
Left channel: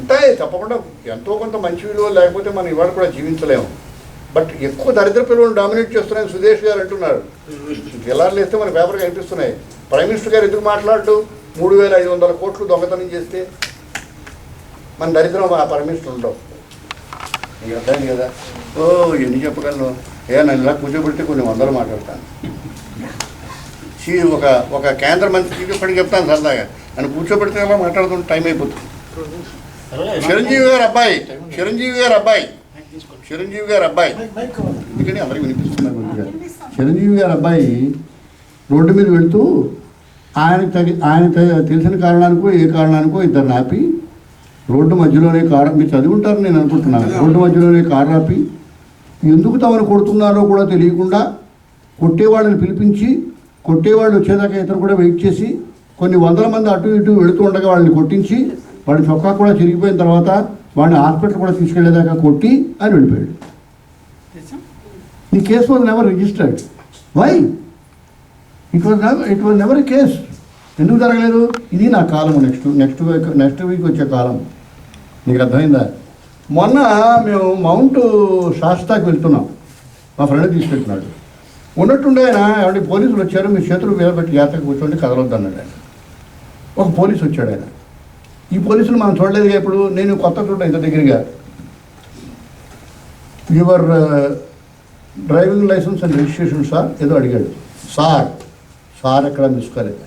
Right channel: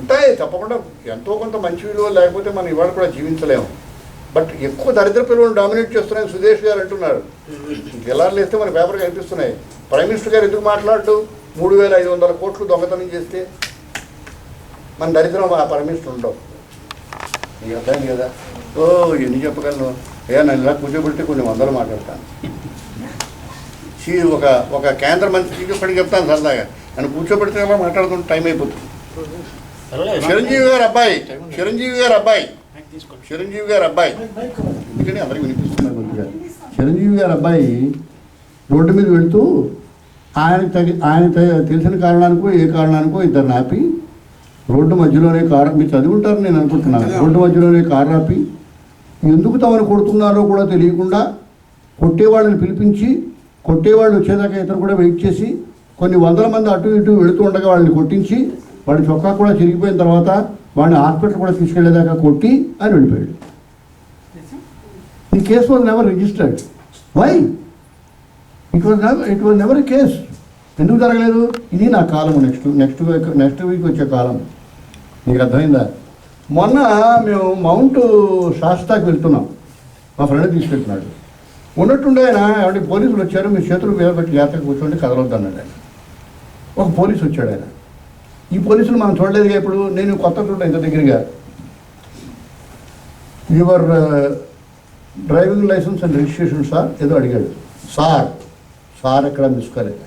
ఉంటాయి తప్పకుండా, ఎంతో కొంత మంచి విలువ లేకపోతే మనం ఇవాళ కూడా జీవించలేము. బట్ ఎక్కువ దరిద్ర పిల్లలను డామినేట్ చేస్తున్నాయని సుదేష్ గారు అంటున్నారు. జిల్లాలు వేస్తే మన పేపర్ కనిపిస్తున్నాయి. ప్రైమ్ మినిస్టర్ గారు ఎందుకు మాట్లాడు? 3,500 కోట్లు దొంగతనం చేస్తే మన దరిద్రం ఆ ప్రైమ్ మినిస్టర్ ఉండవు. నీకు అర్థమైంది కదా? ఎన్ని చెప్పగలను? నన్ను ఇలా కూర్చోబెడితే కొన్ని వందలు మాట్లాడతాను. ఒక కేంద్ర మంత్రికి ఇప్పటికి చెప్తాను సరదాగా, నన్ను కూర్చోబెడితే ఎలా మాట్లాడుతుంటే టైం అయిపోతుంది. చిరంజీవి గారు అబ్బాయి ఎందుకని అందరికీ వినిపిస్తున్నారు కొద్దిగా. చిరంజీవి గారు అబ్బాయి రోడ్డు మీద వెళుతూ ఆయన తెలిసిన కారణానికో ఏ కారణానికో ఇద్దరిని ఆపి రోడ్డు మధ్యలోనే కారు, మీరు చదువుంటారని నేను అనుకుంటున్నాను, రోడ్డు మధ్యలోనే కారు ఆపి ఎందుకు తమను కొడుతున్నారో కూడా తెలియకుండా కొట్టేవాళ్ళని పిలిపించి, కొట్టేవాళ్ళు వచ్చేదాకా ఇతను కూడా వెయిట్ చేసి కొన్ని వందల మంది అటు ఇటు వెళుతూ ఉండగా వాళ్ళని కొట్టించి వాడి చొక్కా కూడా చిరిగిపోయిన తర్వాత వాడిని హాస్పిటల్ కూడా తీసుకెళ్లేదాకా కొట్టి అని వెళ్ళిపోయాడు. The case was never registered. Why? It was never a case. ఎందుకు జరగలేదు? ఇది నా కాలం. నెక్స్ట్ వీక్ వచ్చే కాలం. నీకు అర్థమైందా? మొన్న మేము మౌంట్ శాస్తాకి వెళ్తున్నాం, మా ఫ్రెండ్ తీసుకెళ్తున్నాడు. ఉన్నట్టుండే ఆయన ఎవరి పోలీసులు వచ్చారు, మీ చేతులు మీద పెట్టి జాతరకు కూర్చోండి, కదలొద్దు అన్నాడు ఆయన. ఒక పోలీసు వచ్చాడు ఆయన. ఈ పోలీసులు మనం చూడలేదుగా ఇప్పుడు, నేను కొత్త చూడ ఇంత దగ్గరగా. Your driving licence and registration sir ఏదో అడిగాడు. సార్ ఎక్కడ తీసుకోలేదు,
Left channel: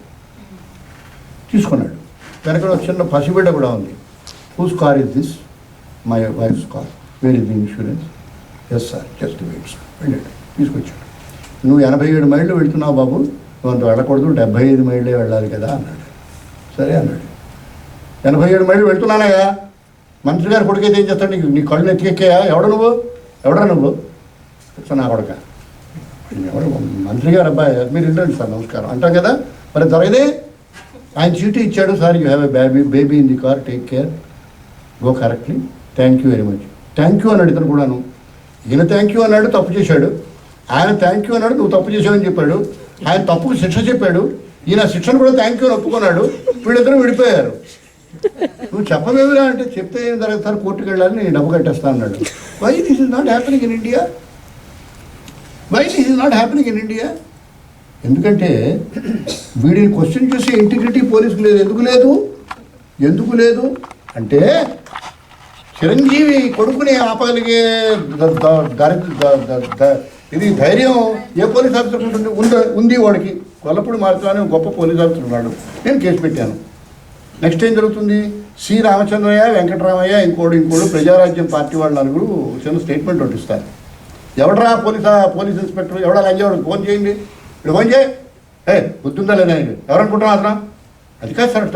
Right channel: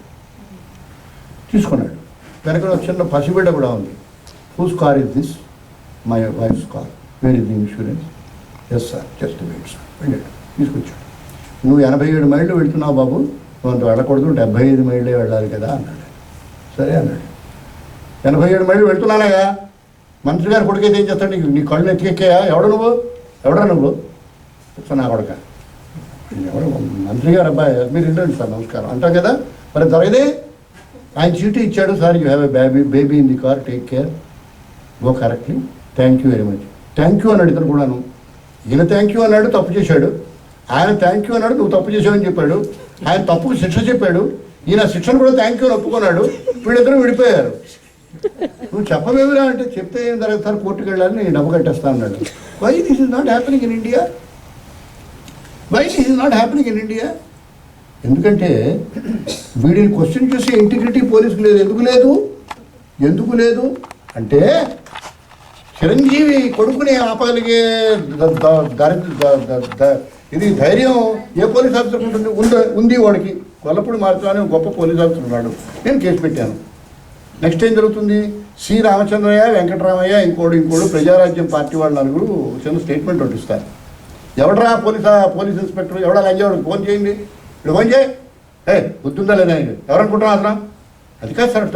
తీసుకున్నాడు. వెనక చిన్న పసిబిడ్డ కూడా ఉంది. Whose car is this? My wife's car. Where is the insurance? Yes sir, just wait sir. వెళ్ళాడు, తీసుకొచ్చాడు. నువ్వు 87 మైళ్ళు వెళ్తున్నావు బాబు, నువ్వు అంత వెళ్ళకూడదు, 75 మైళ్ళే వెళ్ళాలి కదా అన్నాడు. సరే అన్నాడు. 87 మైళ్ళు వెళ్తున్నానయ్యా. మంత్రి గారు కొడుకైతే ఏం చేస్తాడు? నీ కళ్ళు ఎత్తికెక్కాయా? ఎవడా నువ్వు? సార్ నా కొడక, ఎవడు మంత్రి గారు అబ్బాయి, మీరు వెళ్ళండి సార్ నమస్కారం అంటాం కదా. మరి జరగదే. ఆయన చీటీ ఇచ్చాడు, sir you have a baby in the car, take care, go correctly, thank you very much. Thank you అన్నాడు ఇతను కూడాను. ఈయన థ్యాంక్ యూ అన్నాడు, తప్పు చేశాడు. ఆయన థ్యాంక్ యూ అన్నాడు, నువ్వు తప్పు చేశావని చెప్పాడు. ఆయన తప్పుకు శిక్ష చెప్పాడు, ఈయన శిక్షను కూడా థ్యాంక్ యూ అని ఒప్పుకున్నాడు. వీళ్ళిద్దరూ విడిపోయారు. నువ్వు చెప్పవేమిరా అంటే, చెప్తే ఏం జరగదు సార్, కోర్టుకు వెళ్ళాలి, నేను డబ్బు కట్టేస్తా అన్నాడు. Why this is not happening in India? ఎందుకంటే వీడిని క్వశ్చన్ చేసే ఇంటిగ్రిటీ పోలీసుకు లేదు. ఎందుకు లేదు అంటే చిరంజీవి కొడుకుని ఆపగలిగే ఇది ధైర్యం ఏ పోలీస్ ఆఫీసర్ ఉంటుంది? ఉంది వాడికి. కొల్లపూడి మారుతానే గొప్ప పోలీస్ ఆఫీసర్ ఉన్నాడు, నేను కేసు పెట్టాను. నెక్స్ట్ ఏం జరుగుతుంది? సి రామచంద్రయ్య, వెంకటరామయ్య, ఇంకోడు ప్రజారాజ్యం పార్టీ వాళ్ళు నలుగురు చిన్న స్టేట్మెంట్ ఒకటి ఇస్తారు. ఎవడరా పోలీస్ ఇన్స్పెక్టర్, ఎవడా లంజవాడు, ఫోన్ చేయండి, ఇప్పుడు ఫోన్ చేయి, గుర్తుందా లేదా నీకు, ఎవరనుకుంటున్నా అతను? అది కాదు సార్,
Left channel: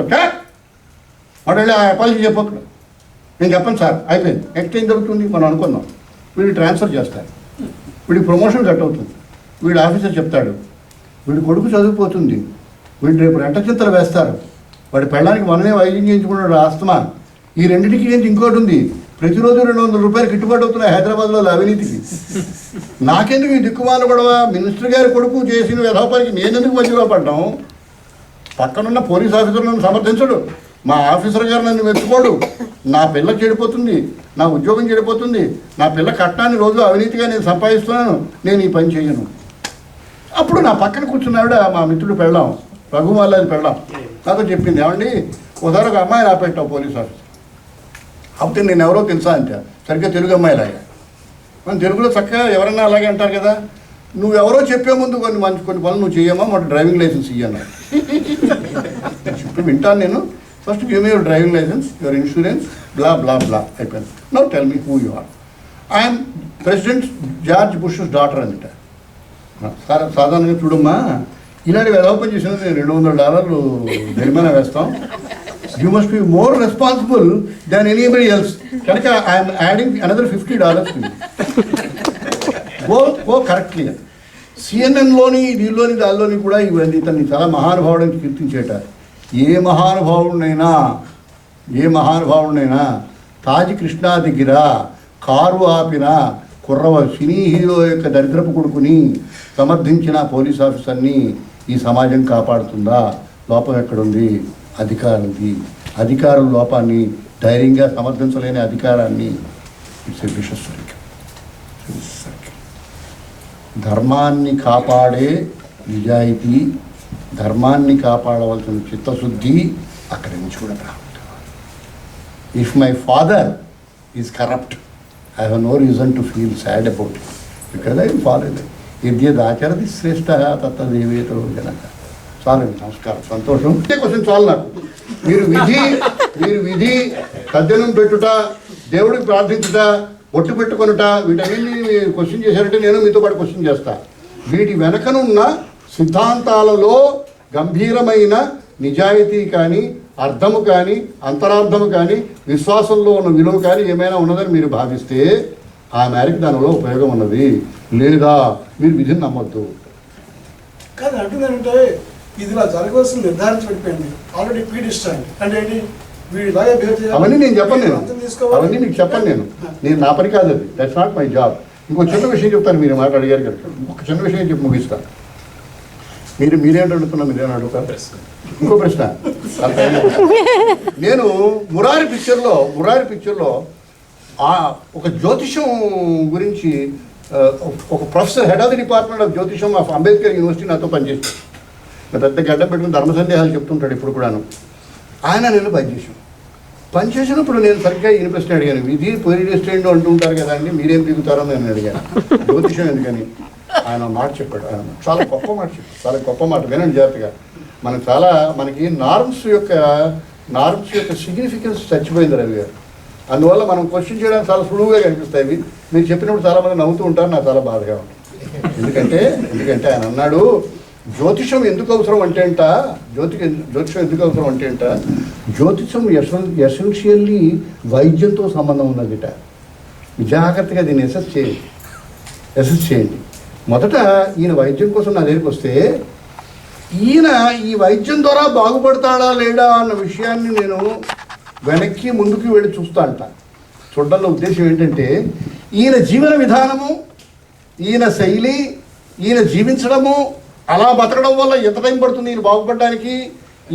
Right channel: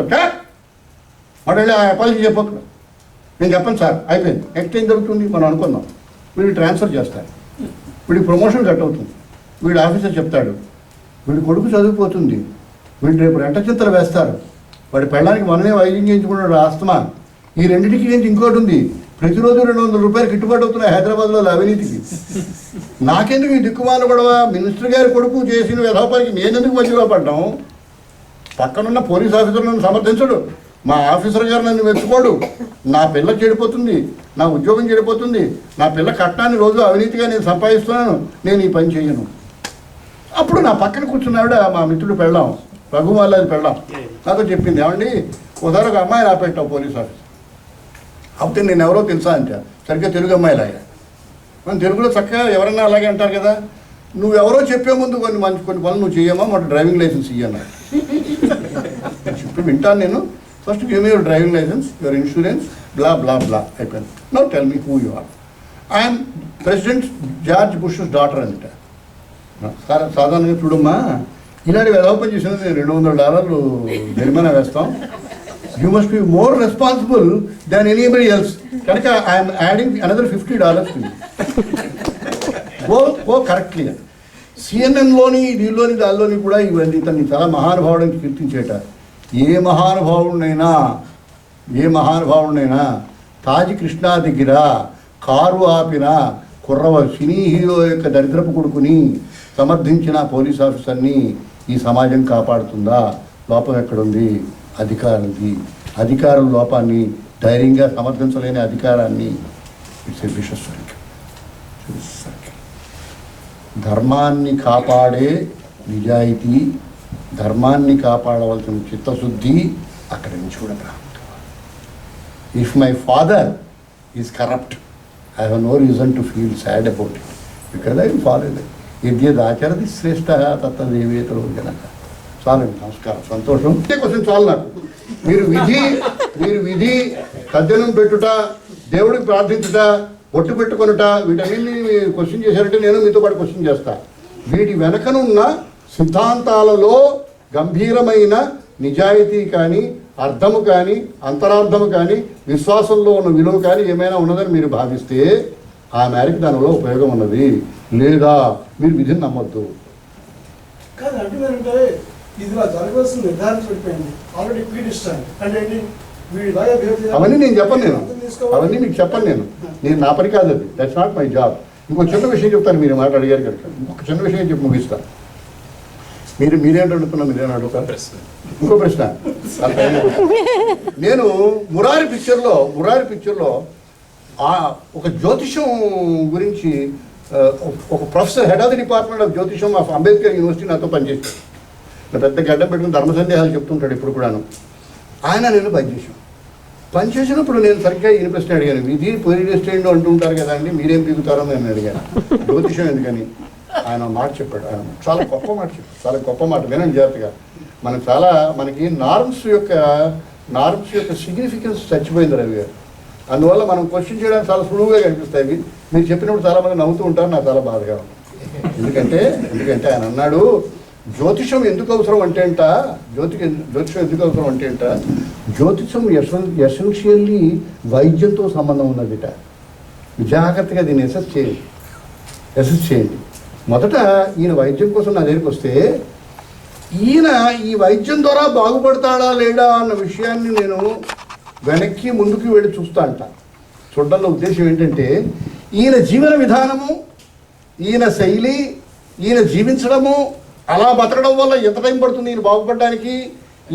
వాడు వెళ్ళి అపాలజీ చెప్పు. నేను చెప్పను సార్, అయిపోయింది. నెక్స్ట్ ఏం జరుగుతుంది మనం అనుకుందాం. వీడికి ట్రాన్స్ఫర్ చేస్తారు, వీడికి ప్రమోషన్ కట్ అవుతుంది, వీడి ఆఫీసర్ చెప్తాడు, వీడి కొడుకు చదివిపోతుంది, వీడు రేపు రెంట చింతలు వేస్తారు, వాడి పెళ్ళడానికి మనమే వైద్యం చేయించుకున్నాడు ఆస్తమా, ఈ రెండింటికి నుంచి ఇంకోటి ఉంది, ప్రతిరోజు 200 రూపాయలు గిట్టుబాటు అవుతున్నాయి హైదరాబాద్లో అవినీతికి. నాకెందుకు ఈ దిక్కుమాల గొడవ? మినిస్టర్ గారి కొడుకు చేసిన వ్యధోపానికి నేనెందుకు మధ్యలో పడ్డాం? పక్కనున్న పోలీస్ ఆఫీసర్ నన్ను సమర్థించడు, మా ఆఫీసర్ గారు నన్ను మెచ్చుకోడు, నా పిల్ల చెడిపోతుంది, నా ఉద్యోగం చెడిపోతుంది, నా పిల్ల కట్నాన్ని రోజు అవినీతిగా నేను సంపాదిస్తున్నాను, నేను ఈ పని చేయను. అప్పుడు నా పక్కన కూర్చున్నావిడ మా మిత్రుడు పెళ్ళాం, రఘుమాలది పెళ్ళాం, నాతో చెప్పింది, ఏమండి ఒకసారి ఒక అమ్మాయి నా పెట్టావు పోలీస్ ఆఫీసర్. అప్పుడు నేను ఎవరో తెలుసా అంటే, సరిగ్గా తెలుగు అమ్మాయిలాగా, మన తెలుగులో చక్కగా ఎవరన్నా అలాగే అంటారు కదా, నువ్వెవరో చెప్పే ముందు కొన్ని పనులు నువ్వు చేయమ్మా, మన డ్రైవింగ్ లైసెన్స్ ఇయ్యన్నాడు. చెప్పి వింటాను నేను, first give me your driving license, your insurance, blah blah blah అయిపోయింది. Now tell me who you are. I'm president George Bush daughter అందిట. సాధారణంగా చూడమ్మా, ఇలాంటి వెదవపని చేసిన నేను $200 జరిమానా వేస్తాం, you must be more responsible than anybody else, కనుక I'm adding another $50 go correctly. సిఎన్ఎన్లోని దీనిలోని దానిలోని కూడా ఇవన్నీ ఇతన్ని చాలా మహానుభావుడిని కీర్తించేట. ఏ మహానుభావుడినైనా తాజి కృష్ణా దగ్గర కారు ఆపిన సినీ హీరో యొక్క దరిద్రపు కొడుకుని సమర్థించిన పోలీస్ ఆఫీసర్ని ఈ సమాజం కాపాడుతుందా? లోపం ఎక్కడుంది? అధికారుల లోపాన్ని ధైర్యంగా సమర్థించలేని అధికారాన్ని ఇట్స్ ఎ విషస్ సర్కిల్. ధర్మాన్ని కాపాడే నిజాయితీ, ధర్మాన్ని కాపాడవలసిన చిత్తశుద్ధి అక్కడి నుంచి కూడా ప్రారంభం కావాలి. If my father is corrupt, I have no reason to feel sad about it, because I will follow it. యద్యదాచరతి శ్రేష్ఠ తత్తదేవేతో జనక. చాలండి, నమస్కారం, సంతోషం. క్వశ్చన్ చాలు నాకు. మీరు విధి తద్దినం పెట్టుట, దేవుడికి ప్రార్థించుట, ఒట్టు పెట్టుకొనుట, వీటన్నింటినీ మీరు క్వశ్చన్ చేశారంటే నేను మీతో పాటు క్వశ్చన్ చేస్తా. వీటి వెనకనున్న సిద్ధాంతాలలో గంభీరమైన నిజాయితీ కానీ, అర్థము కానీ, అంతరార్థము కానీ, విశ్వాసంలో ఉన్న విలువ కానీ ఏమైనా ఉన్నదని మీరు భావిస్తే ఆ మేరకు దానిలో ఉపయోగం ఉన్నది, లేదా మీరు విధిని నమ్మొద్దు. కానీ అంటున్నారంటే ఇదిలా జరగవలసిన నిర్ధారించబడిపోయింది, ఆల్రెడీ క్వీడిస్టాండ్ అంటే అవన్నీ నేను చెప్పను, అవన్నీ మీకు చెప్పను నేను నా పని కాదు అది, దట్స్ నాట్ మై జాబ్. ఇంకో చిన్న విషయం చెప్తాను, మీరు మాట అడిగారు కనుక ఒక చిన్న విషయం చెప్పి ముగిస్తాను. మీరేంటి అడుగుతున్నా, మీరేం అడుగుతారు? ఇంకో ప్రశ్న. నేను మురారి పిక్చర్లో ఒక జ్యోతిషం గురించి ఒక professor, head of the department of జ్యోతిషం ఆఫ్ అంబేద్కర్ యూనివర్సిటీ నాతో పనిచేస్తాడు. పెద్ద గడ్డ పెట్టుకుని ధర్మ సందేహాలు చెప్తుంటాడు ఇప్పుడు కూడాను. ఆయన నేను పనిచేసినప్పుడు నేను సరిగ్గా ఈయన ప్రశ్న అడిగాను, విధి పొరిడెస్టైన్డ్ అంటుంటారు కదా అండి, మీరేం దిగుతారో నేను అడిగాను, జ్యోతిషం ఎందుకని. ఆయన మాట చెప్పాడు, ఆయన చాలా గొప్ప మాట చెప్పాడు, చాలా గొప్ప మాట, వినండి జాగ్రత్తగా. మనకి నార్మ్స్ యొక్క సిగ్నిఫికెన్స్ చచ్చిపోయింది రవి గారు. అందువల్ల మనం క్వశ్చన్ చేయడానికి చాలా సులువుగా కనిపిస్తాయి. మీరు చెప్పినప్పుడు చాలామంది నవ్వుతూ ఉంటారు, నాకు చాలా బాధగా ఉంది. ఎందుకంటే ఆయన అన్నాడు, జ్యోతిషం ఎందుకు అవసరం అంటే జ్యోతిషం ఎసెన్షియల్లీ వైద్యంతో సంబంధం ఉన్నదిట. జాగ్రత్తగా దీన్ని అసెస్ చేయండి. మొదట ఈయన వైద్యం కోసం నా దగ్గరికి వస్తే, ఈయన ఈ వైద్యం ద్వారా బాగుపడతాడా లేడా అన్న విషయాన్ని నేను వెనక్కి ముందుకు వెళ్ళి చూస్తా అంట. చూడడంలో ఉద్దేశం ఏంటంటే, ఈయన జీవన విధానము, ఈయన శైలి, ఈయన జీవించడము, అలా బతకడం వల్ల ఎంత టైం పడుతుంది ఈయన బాగుపడడానికి,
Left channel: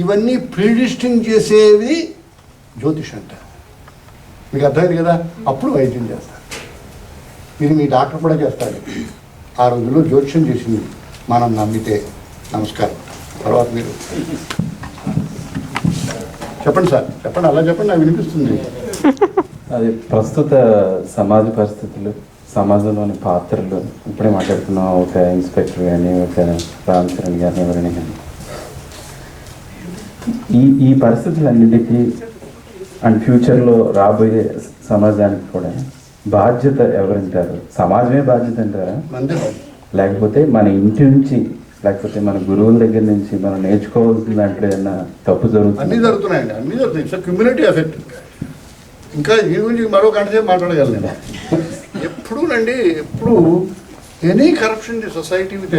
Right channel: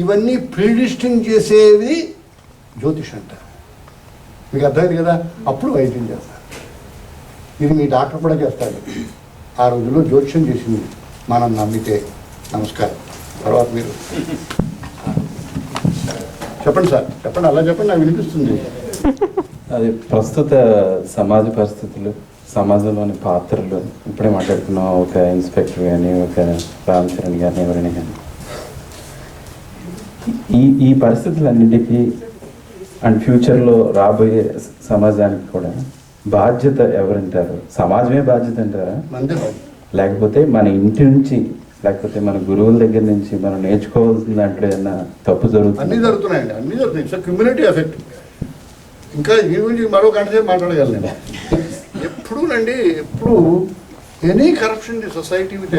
ఇవన్నీ ప్రిడిస్టింగ్ చేసేవి జ్యోతిషం అంట. మీకు అర్థమైంది కదా? అప్పుడు వైద్యం చేస్తారు. ఇది మీ డాక్టర్ కూడా చేస్తాడు. ఆ రోజుల్లో జ్యోతిషం చేసింది మనం నమ్మితే. నమస్కారం. తర్వాత మీరు చెప్పండి సార్, చెప్పండి, అలా చెప్పండి, నాకు వినిపిస్తుంది. అది ప్రస్తుత సమాజ పరిస్థితులు, సమాజంలోని పాత్రలు, ఇప్పుడే మాట్లాడుకున్నాం, ఒక ఇన్స్పెక్టర్ కానీ, ఒక రామ్ చరణ్ కానీ, ఎవరైనా కానీ, ఈ పరిస్థితులన్నిటికీ అండ్ ఫ్యూచర్లో రాబోయే సమాజానికి కూడా బాధ్యత ఎవరంటారు? సమాజమే బాధ్యత అంటారా, లేకపోతే మన ఇంటి నుంచి, లేకపోతే మన గురువుల దగ్గర నుంచి మనం నేర్చుకోవాల్సిన దాంట్లో ఏదైనా తప్పు జరుగుతుంది? అన్నీ జరుగుతున్నాయండి, అన్నీ జరుగుతున్నాయి. It's community effect. ఇంకా దీని గురించి మరో గంట సేపు మాట్లాడగలను నేను. ఎప్పుడు any corruption the society with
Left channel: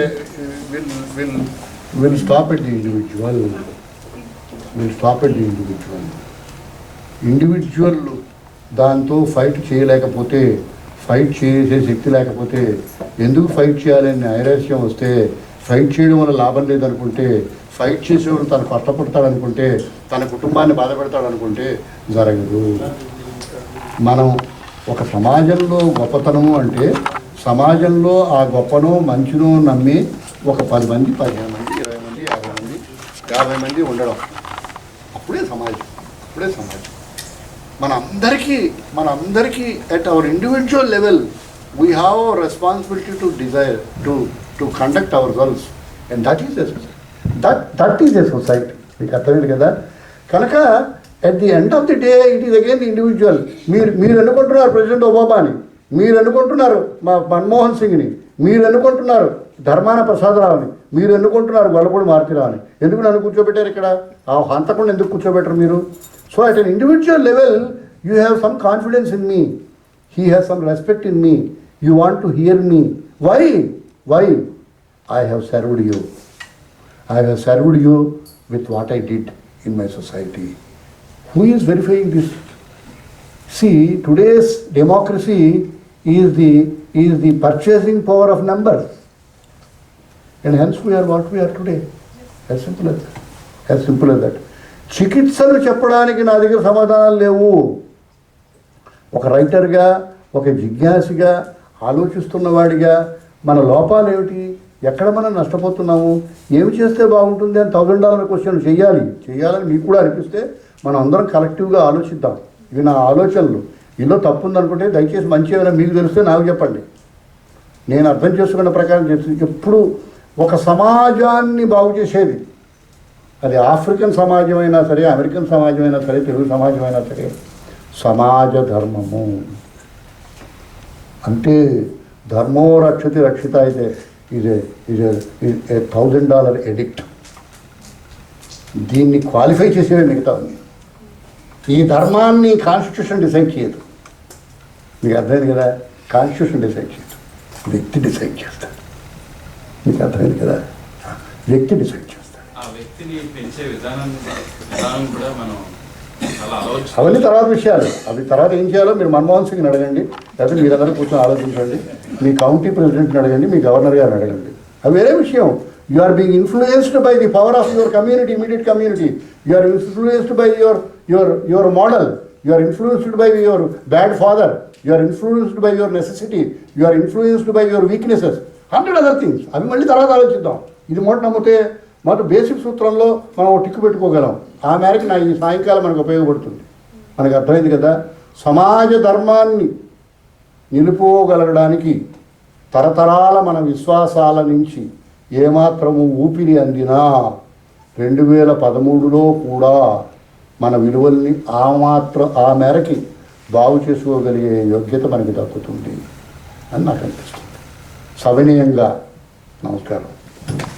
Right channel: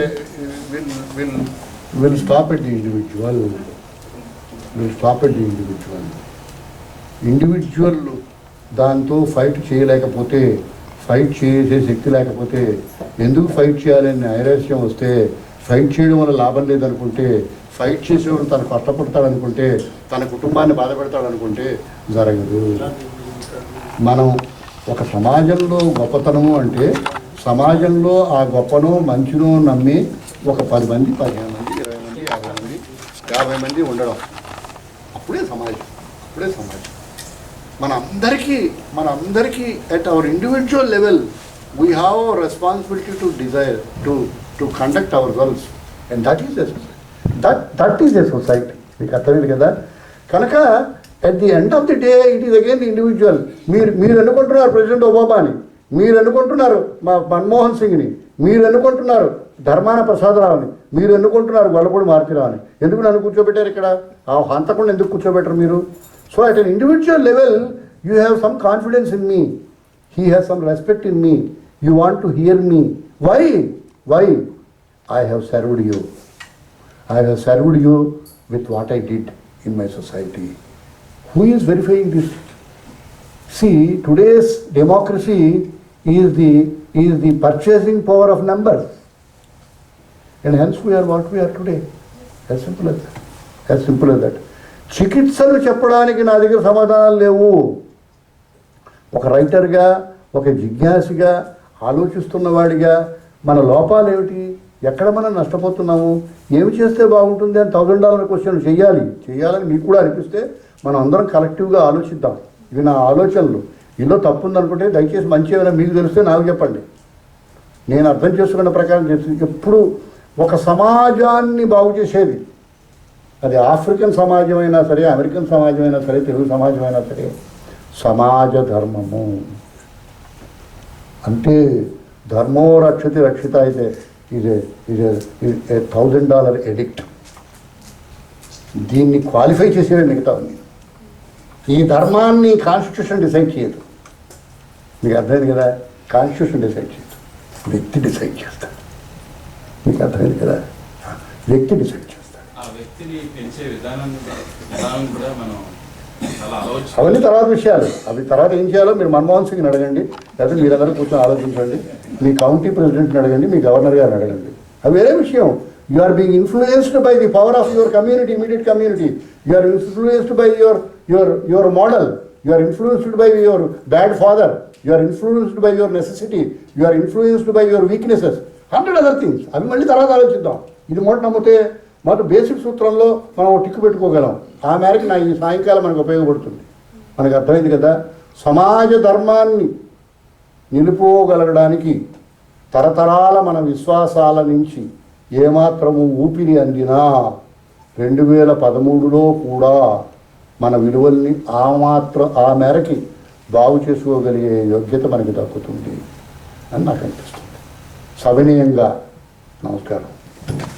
will stop at the individual. Individual దాంతో ఫైట్ చేయలేకపోతే, ఫైట్ చేసే శక్తి లేకపోతే, ఎందుకు ఫైట్ చేయాలని ఐరాస్యం వస్తే, ఫైట్ చేయడం వల్ల లాభం లేదనుకుంటే, ఫైట్ చేసేవాడు తను కష్టపడతాడనుకుంటే, తన కుటుంబాన్ని బాధపెడతాడనుకుంటే జరగదు. మనం ఒక సమాజంలో గొప్పతనము అంటే సమాజంలో ఆ గొప్పనో మంచినో నమ్మి ఒక 10 మంది, 15 మంది, 20 మంది, 50 మంది ఉండడం, అప్పుడే సమాజం. మన అందరికీ at our individual level we have responsibility to desire to conduct hour selves, and that is a society. మీకు అర్థమైంది కదా? కనుక at the end of the day it is again the individual. మీరు అనుకుంటున్నారు ప్రెసిడెంట్ ఒబామాని, మీరు అనుకుంటున్నారు మన్మోహన్ సింగ్ని, మీరు అనుకుంటున్నారు ధర్మాన ప్రసాదరావుని, మీరు అనుకుంటున్నారు గొల్లపూడి మారుతిరావుని. ఎందుకు నన్ను కూర్చోబెట్టారు ఇక్కడ? ఆ హంతకుండా ఎందుకు కూర్చోబెట్టరు మీరు? So at an individual level you have some confidence in me, he has some respect in me, you want to hear me. Why I have served you with what I did in my society. Who is verifying this? See, today's democracy is the purchasing power of numbers, and hence we are what we are today. As simple as that. చికిత్సలు చెప్పడానికి నా దగ్గర సమాధానాలు లేవు. ఒక రైటర్గా, ఒక జిజ్ఞాసిగా, ఆలోచిస్తున్నవాడిగా మన లోపాలు ఏమిటి, ఎక్కడ మనం నష్టపోతున్నాము, ఏమి చేస్తే బాగుంటుంది అని $1000 క్వశ్చన్ చేయాలని మీకు కూడా అనిపిస్తే మనం అందరం కలెక్టివ్గా ఆలోచిద్దాం. ఇవి నా ఆలోచనలు. ఇందులో తప్పు ఉందనుకుంటే దయచేసి మంచి ఏమైనా మీకు తెలిస్తే నాకు చెప్పండి. నేను అర్థం చేసుకున్న ప్రకారం చేస్తుంది. ఎప్పుడు ఒక సమాజాన్ని బాగు చేసేది, అది ఆఫ్రికన్ సమాజమైనా సరే, అమెరికన్ సమాజమైనా సరే, తెలుగు సమాజమైనా సరే, సమాజ ధర్మము అంటే ధర్మో రక్షతి రక్షిత అయితే ఈజ్ ఏ $1000 ఎడిక్ట్. దీన్ని క్వాలిఫై చేసేవి మిగతా ఉంది. ఈ ధర్మాన్ని కాన్స్టిట్యూషన్ డిసైడ్ చేయదు. మీకు అర్థమైంది కదా? కాన్స్టిట్యూషన్ డిసైడ్ చేయదు, వ్యక్తి డిసైడ్ చేస్తాడు. మీకు అర్థమైంది కదా? వ్యక్తి డిసైడ్ చేస్తాడు. ఆ వ్యక్తిని పెంచే విధానం కూడా మనం అవన్నీ తర్వాత విషయాలు. అవి తర్వాత ఏం చేయాలో మీరు మన్మోహన్ సింగ్ని అడగండి, లేకపోతే మీరందరూ కూర్చొని ఆలోచించండి. మీ కౌంటీ ప్రెసిడెంట్ని అడగండి, మీ గవర్నర్ గారిని అడగండి. అవి వేరే విషయం. You are being influenced by the power of your community, immediate community. You are influenced by your model. You are influenced by your bad father. You are influenced by your necessity. You are influenced by your weaknesses. 100 other things. అవి మళ్ళీ తర్వాత ఆలోచిద్దాం. ఇది నమ్మితే మొదటి basic సూత్రంలో మనం టిక్కు పెట్టుకోగలం. ఆ మేరకు ఈ సాయంకాలం మనకు ఉపయోగపడుతుంది. మనకు అర్థమైంది కదా? సమాజ ధర్మాన్ని నిలుపుకోగలగడానికి తరతరాల మన విశ్వాసాల నుంచి ఏమాత్రము ఊపిరి అందినా 2013లో కూడా మన విలువల్ని ఆ మేరకి బాగు చేసుకోగలిగే యోగ్యత మనకి దక్కుతుంది అని నాకు అనిపిస్తుంది. సవినయంగా నమస్కారం.